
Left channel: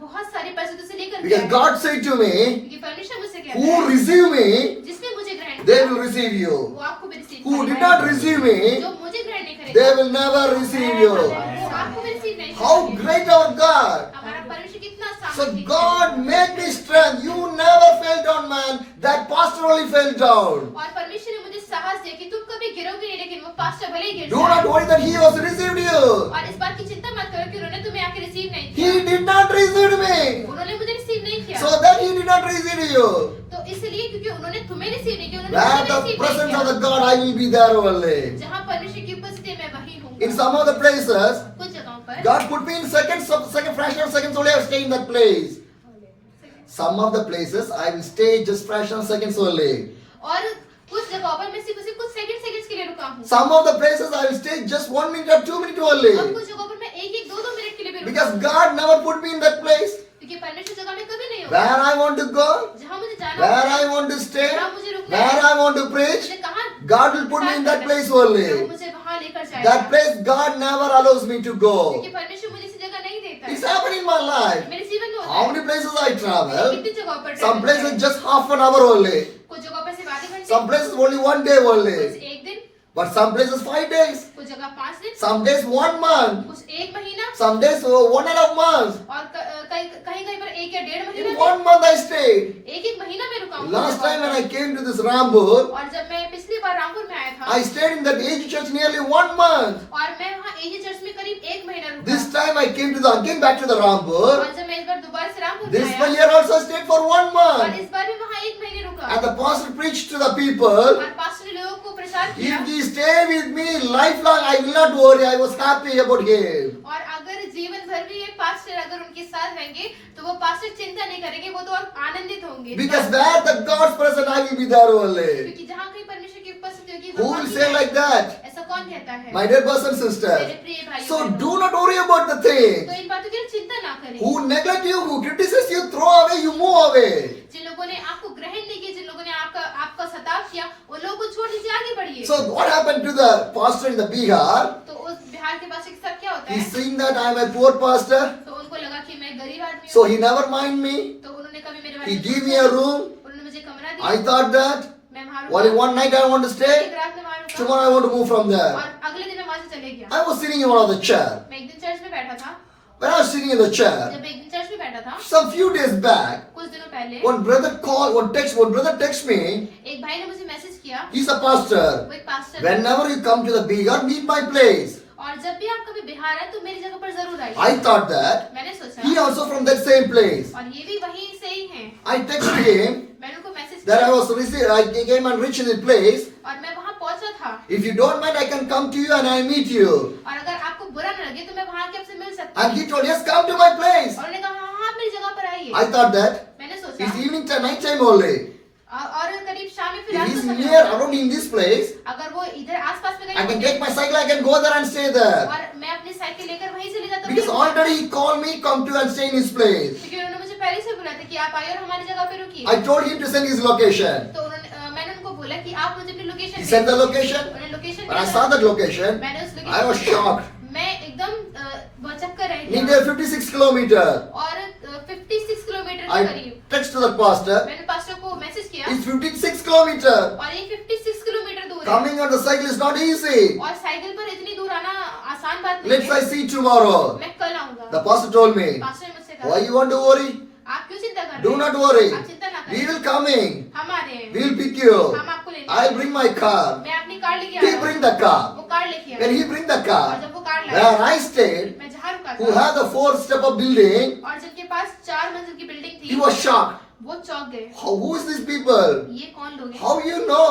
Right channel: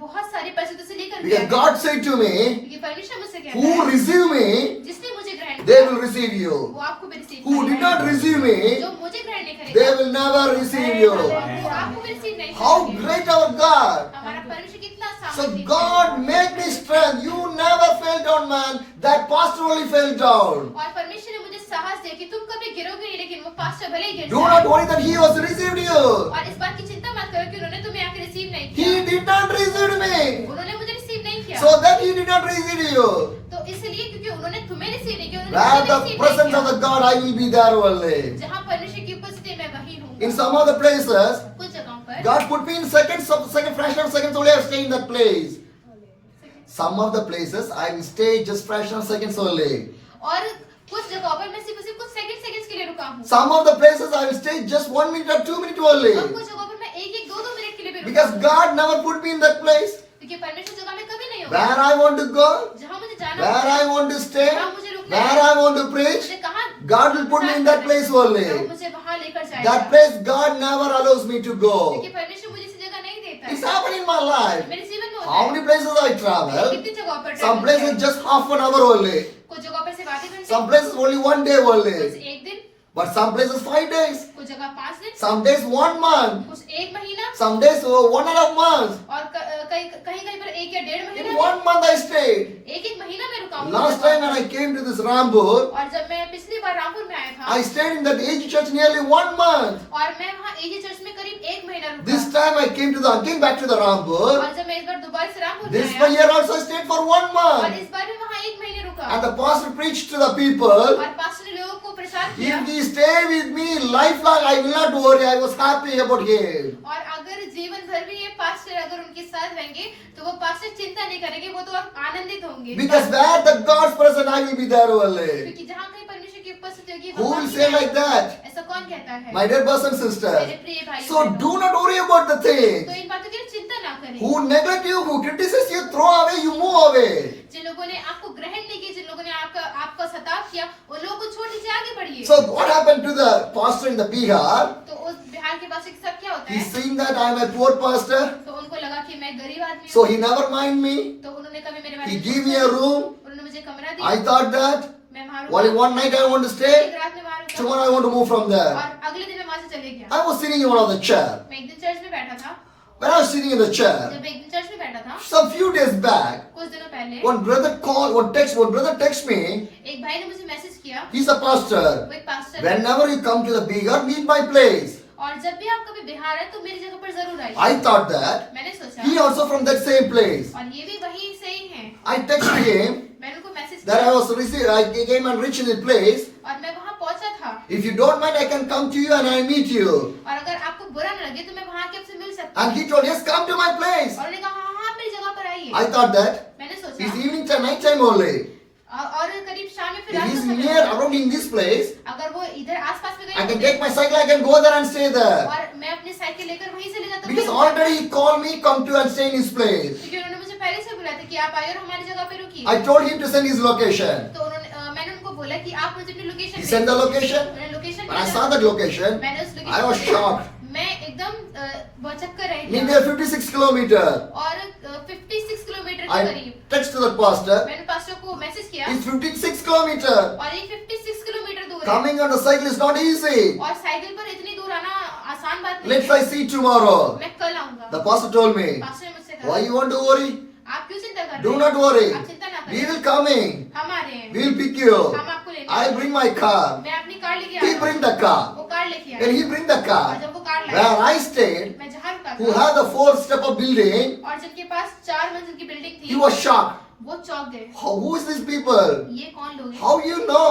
बहुत सारे परिस्थितियों से लेकर Because God said to me, क्योंकि परमेश्वर मुझसे कहता who है receive me, जिसने मुझे ग्रहण they किया will receive you. वो आपको भी receive Who did not receive me, जो मुझे ग्रहण नहीं they करेगा will never receive you. वो आपको भी रिसीव नहीं How करेंगे। great our God. हमारा परमेश्वर कितना So सामर्थ्य है। God make me strength. You never fell down, man. That pastor only fell down. और परमेश्वर ने मुझे साहस दिया कि तुम कभी गिरोगे नहीं, लेकिन वो पास्टर भले ही गिर Do जाए। not worry that he was received you. और इस बात की चिंता मत करो कि उन्होंने तुम्हें आके रिसीव नहीं He किया। did not receive me. उन्होंने मुझे रिसीव नहीं किया। So that he did not receive you. तो इसलिए क्योंकि उन्होंने तुम्हें रिसीव नहीं किया, उन्होंने Where मुझे the रिसीव नहीं presence of किया। the God, I will be there only. जहाँ परमेश्वर की उपस्थिति मैं वही हूँ। In some of the places, कुछ जगहों पर God put me in second fraction of seconds only. I stay in that place. Some of the places I will stay just fraction of seconds only. और कुछ जगहों पर मैं सिर्फ कुछ सेकंड्स के लिए रुका हूँ। Some of the places I will stay just 1 minute or 2 minutes और only. कुछ जगहों पर मैं एक दो मिनट के लिए भी रुका Because हूँ। God never put me in that place. क्योंकि परमेश्वर जगह में कभी नहीं Where होगा। I want to go, जहाँ मुझे जाना where होता I है, want to stay, जहाँ मुझे रुकना where है, I want to preach, मुझे कहाँ God will put me in that place वो only. मुझे वहाँ लेकर जाएगा। That place God never allows me to go. क्योंकि परमेश्वर मुझे इस जगह नहीं देता It's है। happened in my life. मेरे जीवन में होता How है। many places I travel? कितनी जगहों पर Some travel places है। just half an hour only. कुछ जगहों पर सिर्फ आधे घंटे, Some places only 1 day कुछ only. एक दिन, But some places 5 days. कुछ जगह 5 दिन, Some days 1 month. कुछ 1 महीना Some days 1.5 months. और कहीं कहीं पर 1 या 1.5 In महीना। 1 month I stayed. एक महीना में रुका हूँ। Last time when I came to this Rambur, और जब मैं पिछली बार रामपुर में आया था I stayed in that AG church nearly 1 month. और मैं वहाँ एजी चर्च में करीब 1 महीना रुका। This time I came to again back to the Rambur. और जब मैं इस बार दोबारा से रामपुर में This आया year also I stayed for 1 और month. इस बार भी वहाँ 1 महीने रुका। And the pastor preached to the people. और पास्टर ने लोगों को प्रचार किया। If he stay with me lifelong, I will not worry. I was happy about him. और अगर जीवन भर भी ये पास्टर अगर उनके साथ रहेंगे तो वो पास्टर चिंता नहीं करेंगे, वो तो और आनंदित होंगे। Because where the God's presence, I will be there only. क्योंकि जहाँ कहीं परमेश्वर की उपस्थिति होगी Who वहाँ will भी say मैं- like that? ऐसा कौन कहता है? My dear brothers and मेरे sisters. प्रिय भाई So do not worry about the things. तो इन बातों की चिंता ना करें। Who neglect you, who criticize you, throw away, you move away. जिन लोगों ने आपको ग्रहण नहीं किया, जिन लोगों ने आपका सताव किया, उन लोगों को छोड़ दीजिए, आगे बढ़िए। So what happened to the pastor in the Bihar? तो उस बिहार के पास एक साथ क्या होता He है? seen that I am a poor pastor. तो उनको लगा कि मैं गरीब आदमी हूँ। So he never mind me. तो उन्होंने कभी मेरे बारे He में gave me सोचा। a room. उन्होंने मुझे कमरा दिया। I thought that मैं वहाँ only रुका। one night I want to एक stay. रात में वहाँ रुका। Tomorrow I want to move from there. और अगले दिन मैं वहाँ से चले गया। I was sitting in one of the chair. मैं एक दिन चर्च में बैठा था। When I was sitting in the chair, जब एक दिन चर्च में बैठा था, some few days back, कुछ दिनों पहले one brother text me. एक भाई ने मुझे मैसेज किया। He's a pastor. वो एक पास्टर है। Whenever you come to the Bihar, meet my place. और जब भी आप कभी बिहार आए तो मेरी जगह पर जरूर आइए। I thought that मैंने सोचा he also from that same place. और ये भी वहीं से ही हैं। I texted him मैंने उनको मैसेज that I किया was received. I came and reached the place. और मैं वहाँ पहुँचा था। If you don't mind, I can come to you and I meet you. और अगर आपको बुरा न लगे तो मैं वहाँ के आपसे मिल सकती And हूँ। he told, yes, come to my place. और उन्होंने कहा हाँ हाँ आप मेरी जगह पर आइए। I thought that मैंने सोचा it's evening time, night time only. और करीब शाम में फिर If रात he's का समय near होगा। around in this place, अगर वो इधर आसपास में I कहीं can होंगे, take my cycle, I can go there and stay there. और मैं अपनी साइकिल लेकर वहीं से ले जाता हूँ। Because already he called me, come to and stay in his place. क्योंकि उन्होंने मुझे पहले से बुलाया था कि आप आइए और हमारी जगह पे रुकिए। I told him to send his location. तो मैंने उनको बोला कि आप मुझे अपनी location He sent the location. उन्होंने location When I saw that location, मैंने उस I was shocked. मैं एकदम भौचक्कर रह Nearly गया 56 kilometers. और 56 किलोमीटर के I करीब texted the pastor. मैंने पास्टर को मैसेज किया It's 56 kilometers. और ये 56 किलोमीटर दूर है Coming on the cycle is not easy. और साइकिल पर इतनी दूर आना आसान बात नहीं Let's है। I see tomorrow. मैं कल आऊंगा। The pastor told me, pastor ने मुझसे why कहा you want to worry? आप क्यों चिंता कर रहे Do हैं? not worry. आप चिंता ना We करें, will coming. हम आ रहे हैं, We will pick you. हम आपको लेने I'll bring my car. मैं अपनी कार लेके He आया bring the car. वो कार लेके When आया he bring the और car, जब वो कार where लाया I stayed, मैं जहाँ रुका who था had the 4 step of building, और जिनके पास 4 मंजिल की बिल्डिंग he थी was shocked. वो चौंक गए। Who is these people? ये कौन लोग हैं? How you know?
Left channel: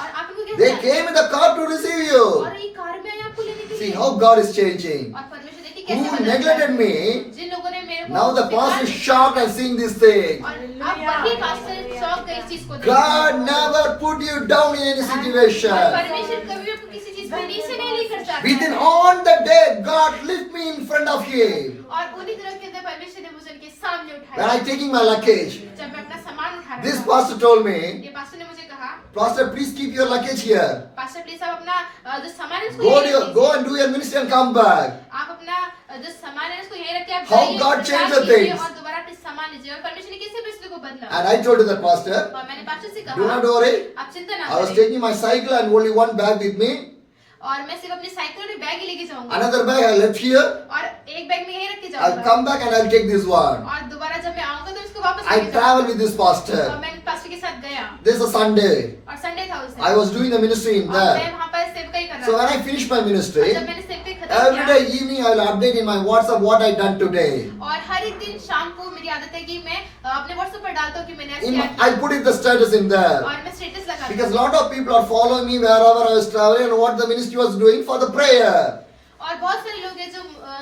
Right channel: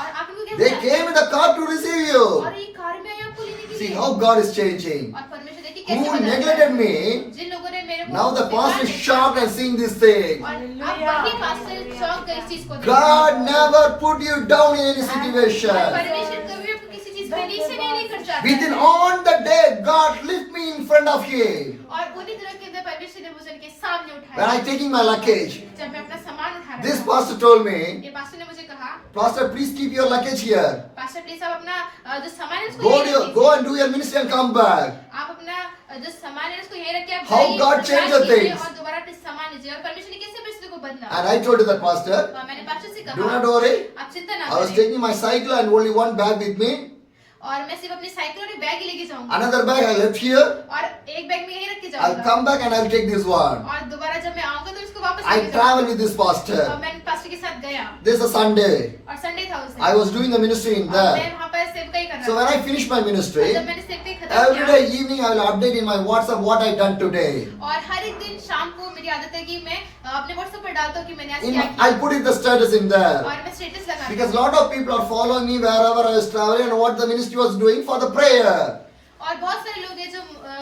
और आप इनको कैसे They जानते came in the car to receive हैं? you. और ये कार में आए आपको लेने के See लिए। how God is changing. और परमेश्वर देखिए कैसे Who बदलता neglected है। me, जिन लोगों ने मेरे को now the बेकार pastor is देखा, shocked and seeing this thing. और अब वही पास्टर चौंक गए इस चीज को देखकर। God never put you down in any और situation. परमेश्वर कभी आपको किसी चीज में नीचे नहीं लेकर जाता Within है। on the day, God lift me in front of him. और उन्हीं दिनों के अंदर परमेश्वर ने मुझे उनके सामने When उठाया। I taking my luggage, जब मैं अपना सामान उठा रहा this था, pastor told me, ये पास्टर ने मुझे कहा Pastor, please keep your luggage here. Pastor please आप अपना जो सामान है उसको Go, यहीं रख go दीजिए। and do your ministry and come back. आप अपना जो सामान है उसको यहीं रख के आप How जाइए, God प्रचार changed the कीजिए things. और दोबारा अपने सामान लीजिए। और परमेश्वर ने कैसे परिस्थिति को बदला। And I told you that, Pastor, और मैंने पास्टर से do कहा not worry. आप चिंता ना I was करें। taking my cycle and only one bag with me. और मैं सिर्फ अपनी साइकिल और एक बैग ही लेके जाऊंगा। Another bag I left here. और एक बैग में यहीं रख के I'll जाऊंगा। come back and I'll take this one. और दोबारा जब मैं आऊंगा तो इसको वापस I लेके travel जाऊंगा। with this और pastor. मैं पास्टर के साथ गया This is a Sunday. और संडे था उस दिन। I was doing the ministry in और मैं there. वहाँ पर सेवकाई कर So रहा when था। I finished my और ministry, जब मैंने सेवकाई खत्म every किया day evening I will update in my WhatsApp what I done today. और हर एक दिन शाम को मेरी आदत है कि मैं अपने व्हाट्सएप पर डालता हूँ कि मैंने आज In, क्या किया। I put it the status in there. और मैं स्टेटस लगाता Because हूँ। lot of people are following me wherever I was traveling and what the ministry was doing for the prayer. और बहुत सारे लोग हैं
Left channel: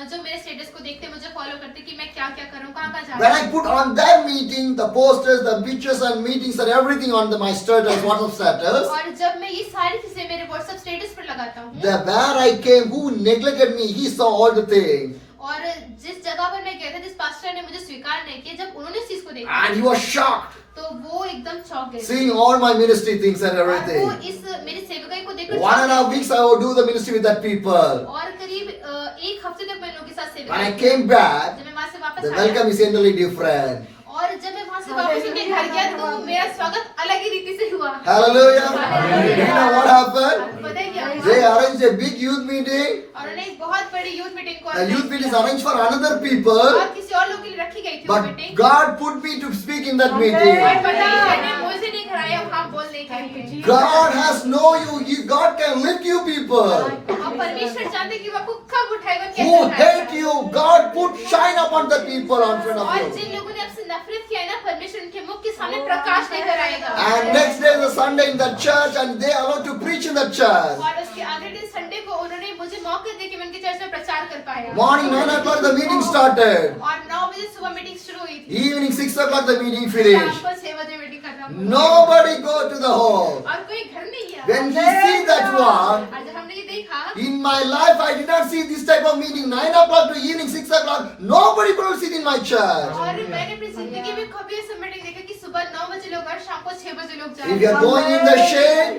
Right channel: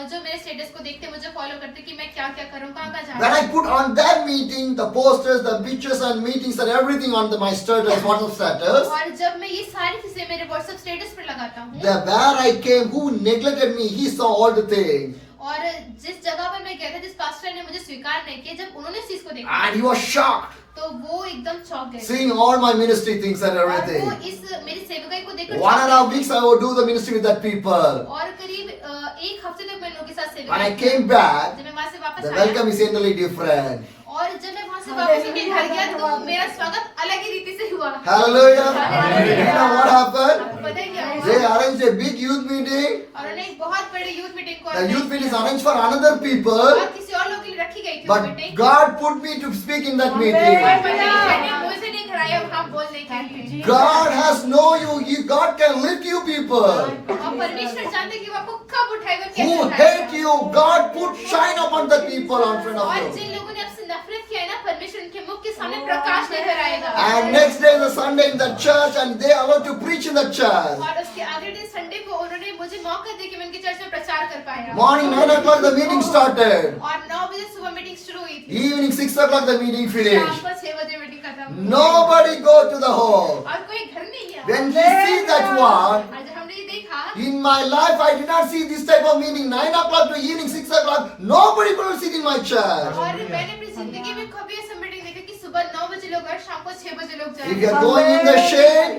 जो मेरे स्टेटस को देखते मुझे फॉलो करते कि मैं क्या क्या करूँ कहाँ कहाँ जा When रहा I हूँ। put on that meeting, the posters, the pictures and meetings and everything on my status, WhatsApp status, और जब मैं ये सारी चीजें मेरे व्हाट्सएप स्टेटस पर लगाता हूँ where I came, who neglected me, he saw all the things. और जिस जगह पर मैं गया था जिस पास्टर ने मुझे स्वीकार नहीं किया जब उन्होंने इस चीज को देखा And he was shocked, तो वो एकदम चौंक गए seeing all my ministry things and और वो everything. इस मेरी सेवकाई को देखकर 1.5 weeks I would do the ministry with that people. और करीब एक हफ्ते तक मैं लोगों के साथ When I सेवकाई came back, जब मैं वहां से वापस the आया welcome is entirely different. और जब मैं वहां से वापस उनके घर गया तो मेरा स्वागत अलग ही रीति से हुआ। Hallelujah. Hallelujah. You know what happened? पता है क्या हुआ? They arranged a big youth meeting. और उन्होंने एक बहुत बड़ी यूथ मीटिंग को The youth meeting is किया। arranged for another people. और किसी और लोग के लिए रखी गई थी वो But meeting. God put me to speak in that और meeting. परमेश्वर ने मुझे नहीं खड़ाया वहां बोलने के लिए। God has know you. God can lift you people. हम परमेश्वर जानते हैं कि वो आपको कब उठाएगा Who कैसे hate उठाएगा। you, God put shine upon the people in front और of you. जिन लोगों ने आपसे नफरत किया है ना परमेश्वर उनके मुख के सामने प्रकाश लेकर आएगा। And next day is a Sunday in the church and they allowed to preach in the church. और उसके अगले दिन संडे को उन्होंने मुझे मौका दिया कि मैं उनके चर्च में प्रचार कर पाया। Morning 9 o'clock the meeting started. और 9 बजे सुबह मीटिंग शुरू हुई थी। Evening 6 o'clock the meeting शाम finished. को 6 बजे मीटिंग खत्म हुई। Nobody go to the hall. और कोई घर नहीं गया। When he see that one, और जब हमने ये देखा in my life I did not see this type of meeting. 9 o'clock to evening 6 o'clock. Nobody could sit in my church. और मैंने अपनी जिंदगी में कभी ऐसा मीटिंग देखा कि सुबह 9 बजे लोग और शाम को 6 बजे लोग जाए। If you are going in the shade,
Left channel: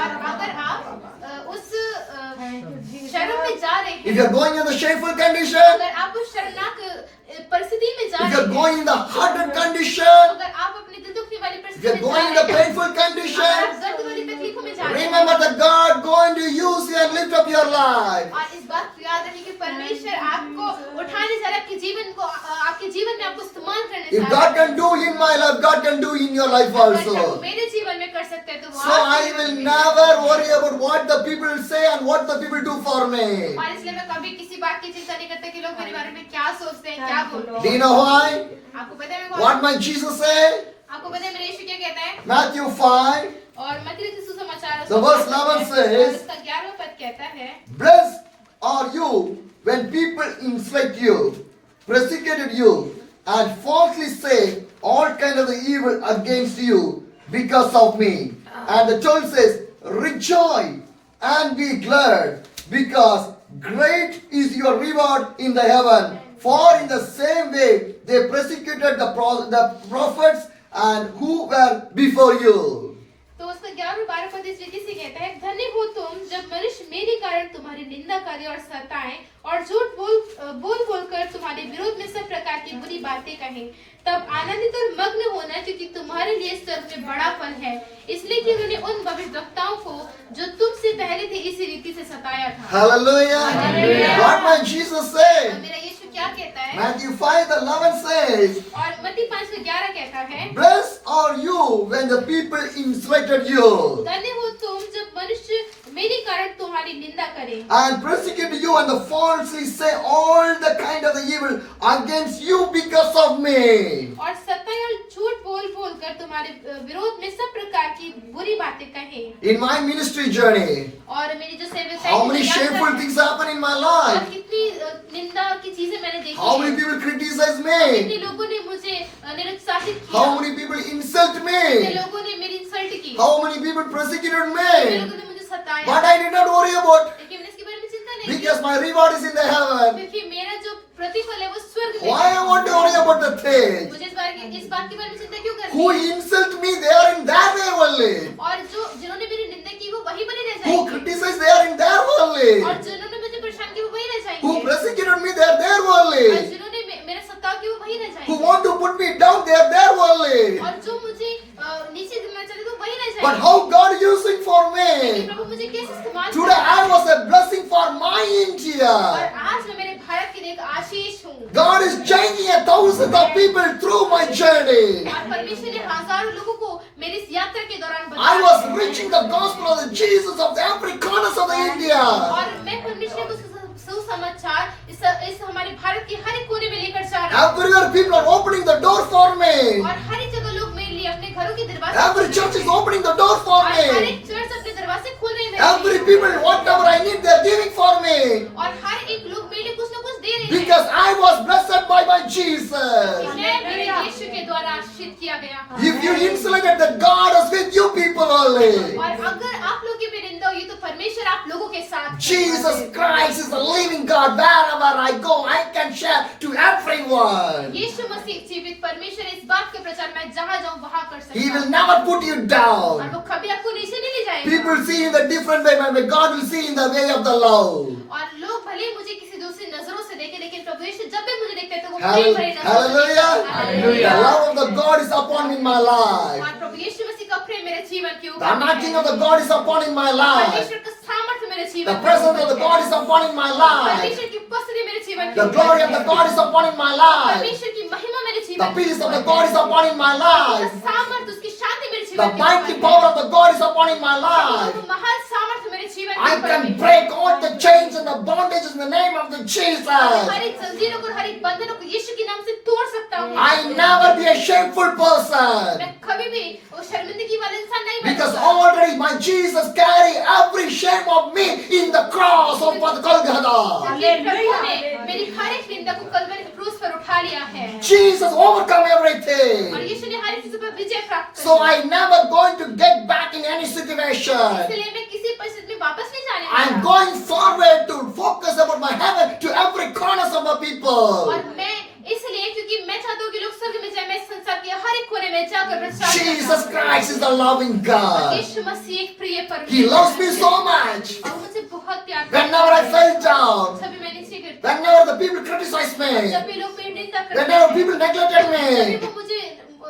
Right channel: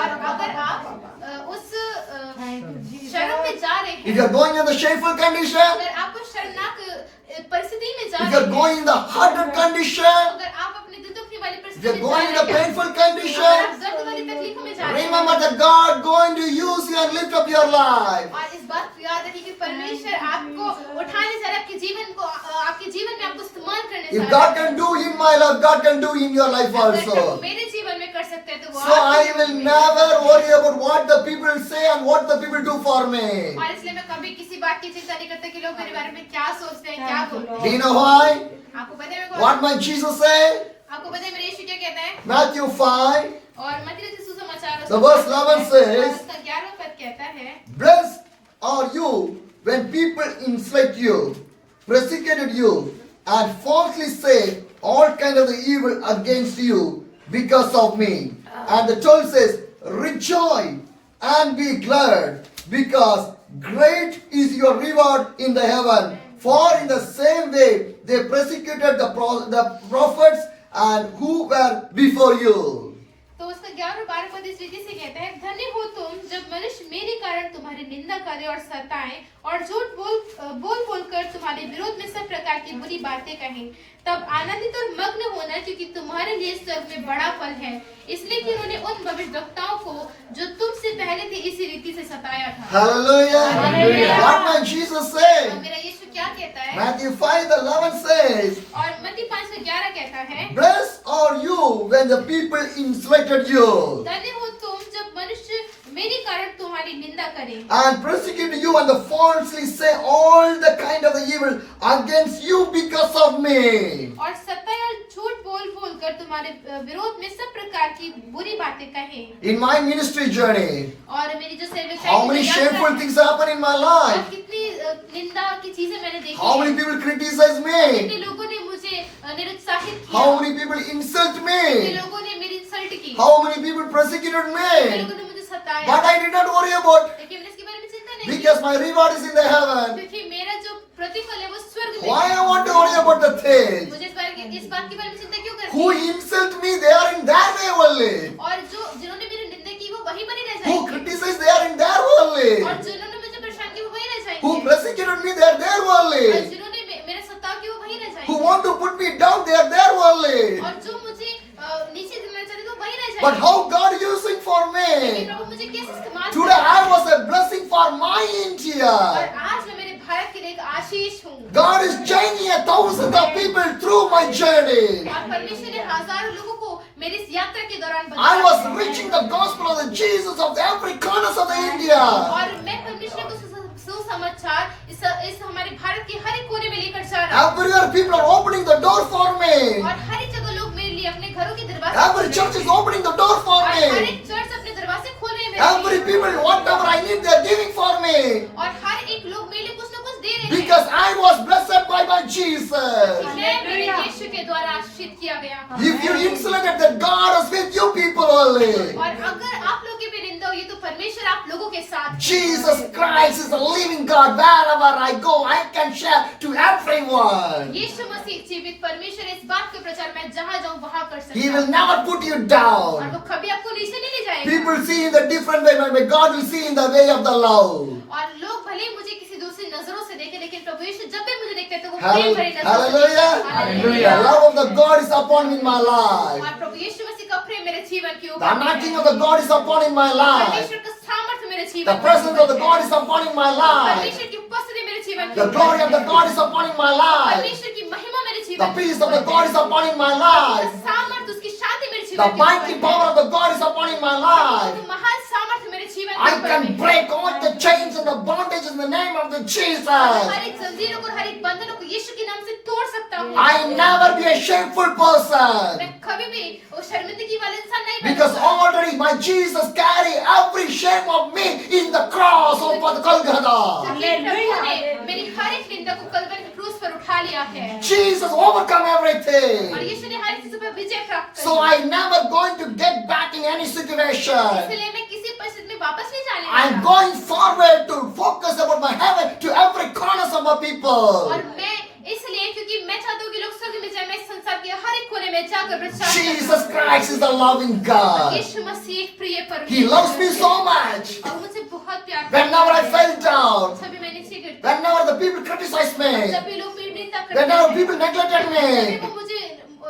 और अगर आप उस शर्म में जा रहे if हैं, you are going in the shameful condition, अगर आप उस शर्मनाक परिस्थिति में जा if you रहे are हैं, going in the hardened condition, अगर आप अपने दिल दुखने वाली if परिस्थिति you are में जा going in रहे the हैं, painful अगर आप condition, दर्द वाली तकलीफों में जा रहे हैं, remember that God going to use you and lift up your life. और इस बात को याद रखिए कि परमेश्वर आपको उठाने जा रहा है, आपके जीवन को आपके जीवन में आपको इस्तेमाल करने If जा God रहा है। can do in my life, God can do in your life अगर also. मेरे जीवन में कर सकते हैं तो वो So I आपके will जीवन में never worry about what the people will say and what the people do for me. और इसलिए मैं कभी किसी बात की चिंता नहीं करता कि लोग मेरे बारे में क्या सोचते हैं क्या Do बोलते you हैं। know why? आपको पता है मैं What my Jesus said? आपको पता है मेरे यीशु क्या कहता है। Matthew 5, और मत्ती रचित सुसमाचार The verse 11 says, उसका 11वां पद कहता है, blessed are you when people insult you, persecuted you, and falsely say all kind of the evil against you because of me. And the 12 says, rejoice and be glad, because great is your reward in the heaven. For in the same way they persecuted the prophets and who were before you. तो उसका 11 और 12 पद इस रीति से कहता है, धन्य हो तुम जब मनुष्य मेरे कारण तुम्हारी निंदा करे और सताएं और झूठ बोल कर तुम्हारे विरोध में सब प्रकार की बुरी बातें कहें, तब आनंदित और मग्न होना, क्योंकि तुम्हारे लिए स्वर्ग में बड़ा फल है, इसलिए कि उन्होंने उन भविष्यवक्ताओं को जो तुमसे पहले थे इसी रीति से सताया था। Hallelujah. Hallelujah. What my Jesus और said? मेरा यीशु क्या कहता है? Matthew 5:11 says, और मत्ती 5:11 कहता है, blessed are you when the people insulted you धन्य हो तुम जब मनुष्य मेरे कारण तुम्हारी निंदा करे and persecute you and falsely say all the kind of the evil against you because of me. और सत्ता और झूठ बोल कर तुम्हारे विरोध में सब प्रकार की बुरी बातें कहें। In my ministry journey, और मेरी जो सेवकाई how many की यात्रा shameful है, things happen in my और life? कितनी निंदा की चीजें मैंने देखी How many हैं। people criticize कितने me? लोगों ने मुझे निरुत्साहित किया, How many people insult कितने me? लोगों ने मेरी इंसल्ट की, How many people persecuted कितने me? लोगों ने मुझे सताया, But I did not worry about, लेकिन मैंने इसके बारे में चिंता नहीं की, because my reward is in the heaven. क्योंकि मेरा जो प्रतिफल है वो स्वर्ग में Why है। I want to worry about the things? मुझे इस बात के बारे में चिंता क्यों करनी Who है? insult me, they are in their way only. और जिन्होंने मेरी निंदा की वो वहीं पर ही रह Who जाएंगे। criticize, they are in their only. और जिन्होंने मुझे परेशान किया वो वहीं रह Who जाएंगे। persecuted me, they are there और only. जिन्होंने मेरे सत्ता की वो वहीं रह Who जाएंगे। want to put me down, they are there only. और जो मुझे नीचे गिरना चाहते तो वहीं रह But जाएंगे। how God using for लेकिन me? प्रभु मुझे कैसे इस्तेमाल Today करता I है? was a blessing for my और India. आज मैं मेरे भारत के लिए एक आशीष हूँ। God is changing 1,000 of people through my journey. और परमेश्वर ने हजारों लोगों को मेरी इस यात्रा के दौरान I बचाया was है। reaching the gospel of the Jesus of the every corners of the India. और मैं परमेश्वर को सुसमाचार इस हमारे भारत के हर एक कोने में लेकर जा रहा हूँ। Everywhere people are opening the door for me. और हर एक जगह लोग मेरे लिए अपने घरों की दरवाजे Every church is opening the door for और हर me. एक चर्च अपने दरवाजे खोल रहे हैं Every मेरे लिए। people, whatever I need, they are giving for me. और हर एक लोग मेरे लिए कुछ न कुछ दे रहे हैं। Because I was blessed by my Jesus. मैं मेरे यीशु के द्वारा आशीषित किया गया हूँ। If you insulated that God is with you people only. और अगर आप लोगों की भी निंदा हुई तो परमेश्वर आप लोगों के साथ है। Jesus Christ is the living God. Wherever I go, I can share to everyone. यीशु मसीह जीवित परमेश्वर इस बात का प्रचार मैं जहाँ जाऊँ वहाँ कर सकता He will हूँ। never put you और down. वो कभी आपको नीचे नहीं ले जाएगा। People see in the different way, but God will see in the way of the love. और लोग भले ही मुझे किसी दूसरी नजरों से देखे लेकिन प्रभु यीशु जब भी मुझे देखते हैं तो वो प्रेम भरी नजरों से Hallelujah. देखते हैं। Hallelujah. The love of the God is upon in my life. और प्रभु यीशु मसीह का प्रेम मेरे जीवन के The ऊपर anointing है। of the God is upon in my life. परमेश्वर का सामर्थ्य मेरे जीवन The के presence ऊपर of the है। God is upon in my life. परमेश्वर की उपस्थिति मेरे जीवन के The ऊपर glory है। of the God is upon in my life. परमेश्वर की महिमा मेरे जीवन The के peace of ऊपर the God है। is upon in my उसका life. सामर्थ्य उसकी शांति मेरे जीवन The के mighty ऊपर power है। of the God is upon in my life. वो महान सामर्थ्य मेरे जीवन के I ऊपर can है। break all the chains and the bondages in the name of the Jesus. हर एक जंजीरों को हर एक बंधनों को यीशु के नाम से तोड़ सकता हूँ। I never be a shameful person. मैं कभी भी वो शर्मिंदगी वाला इंसान नहीं Because बनूंगा। already my Jesus carry every shame of me in the cross of the Golgotha. क्योंकि प्रभु ने मेरी हर एक निंदा को कलवरी के क्रूस पर उठा लिया है। Jesus overcome और everything. यीशु ने हर एक चीज पर विजय प्राप्त कर So I never going to get back in any situation. इसलिए मैं किसी परिस्थिति में वापस नहीं जाने I'm वाला। going forward to focus about my heaven to every corners of my people. और मैं इसलिए क्योंकि मैं चाहता हूँ कि लोग स्वर्ग में जाए, मैं इस संसार के हर एक कोने में जाकर प्रचार Jesus Christ is the loving और God. यीशु मसीह एक प्रिय परमेश्वर He loves me so much. और मुझे बहुत प्यार करता Whenever I है। fell down, जब भी मैं नीचे गिरती हूँ, whenever the people criticize me, जब भी लोग मेरी निंदा करते whenever हैं, people neglected जब me, भी वो मुझे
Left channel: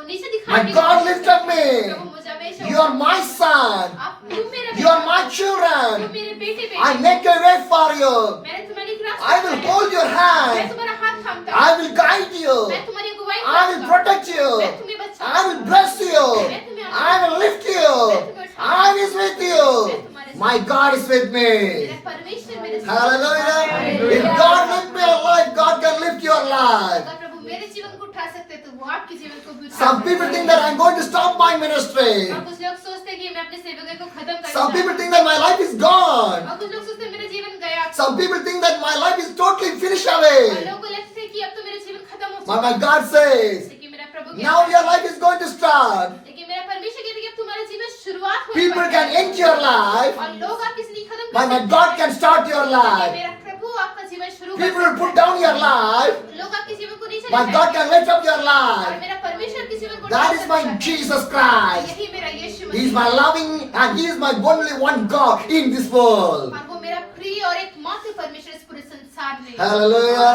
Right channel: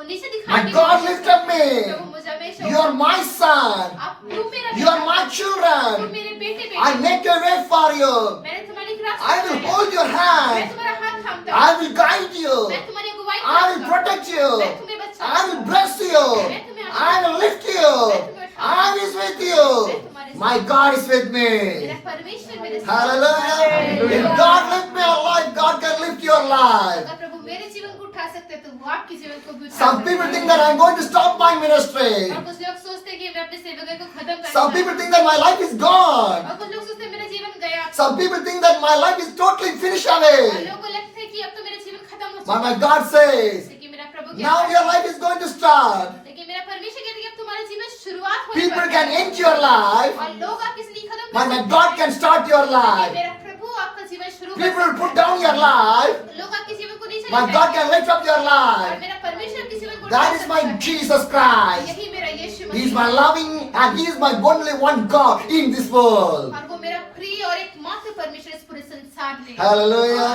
नीचे my दिखाने की God कोशिश lifted करते हैं, me. प्रभु मुझे हमेशा You are my son. तुम मेरा You are my तुम children. मेरे बेटे I make a way for you. मैंने तुम्हारे एक रास्ता I will बनाया। hold your मैं hand. तुम्हारा हाथ थामता हूँ। I will guide you. मैं तुम्हारी अगुवाई I will करूंगा। protect you. मैं तुम्हें बचाऊंगा। I will bless you. I will lift you. I is with you. My God is with me. मेरा परमेश्वर मेरे साथ है। Hallelujah. If God lift me alive, God can lift your life. अगर प्रभु मेरे जीवन को उठा सकते हैं, तो वो आपके जीवन को भी उठा Some सकते people हैं। think that I'm going to stop my ministry. और कुछ लोग सोचते हैं कि मैं अपने सेवकाई को खत्म कर Some people think that my life is gone. और कुछ लोग सोचते हैं मेरा जीवन गया। Some people think that my life is totally finished और away. लोगों को लगता है कि अब तो मेरा जीवन खत्म हो But चुका my है। God says, लेकिन मेरा प्रभु कहता now है- your life is going to start. लेकिन मेरा परमेश्वर कहता है कि अब तुम्हारा जीवन शुरुआत होने People वाला can है। end your life, और लोग आपकी जिंदगी खत्म but कर my सकते God हैं। can start your लेकिन life. मेरा प्रभु आपका जीवन शुरू कर People will सकता put है। down your life, लोग आपके जीवन को नीचे but ले God जाएंगे। can lift up your और life. मेरा परमेश्वर आपके जीवन को That उठा is सकता my है। Jesus Christ. यही मेरा यीशु He is मसीह my है। loving and He is my only one God in this world. और वो मेरा प्रिय और एकमात्र परमेश्वर इस पूरे संसार में। Hallelujah.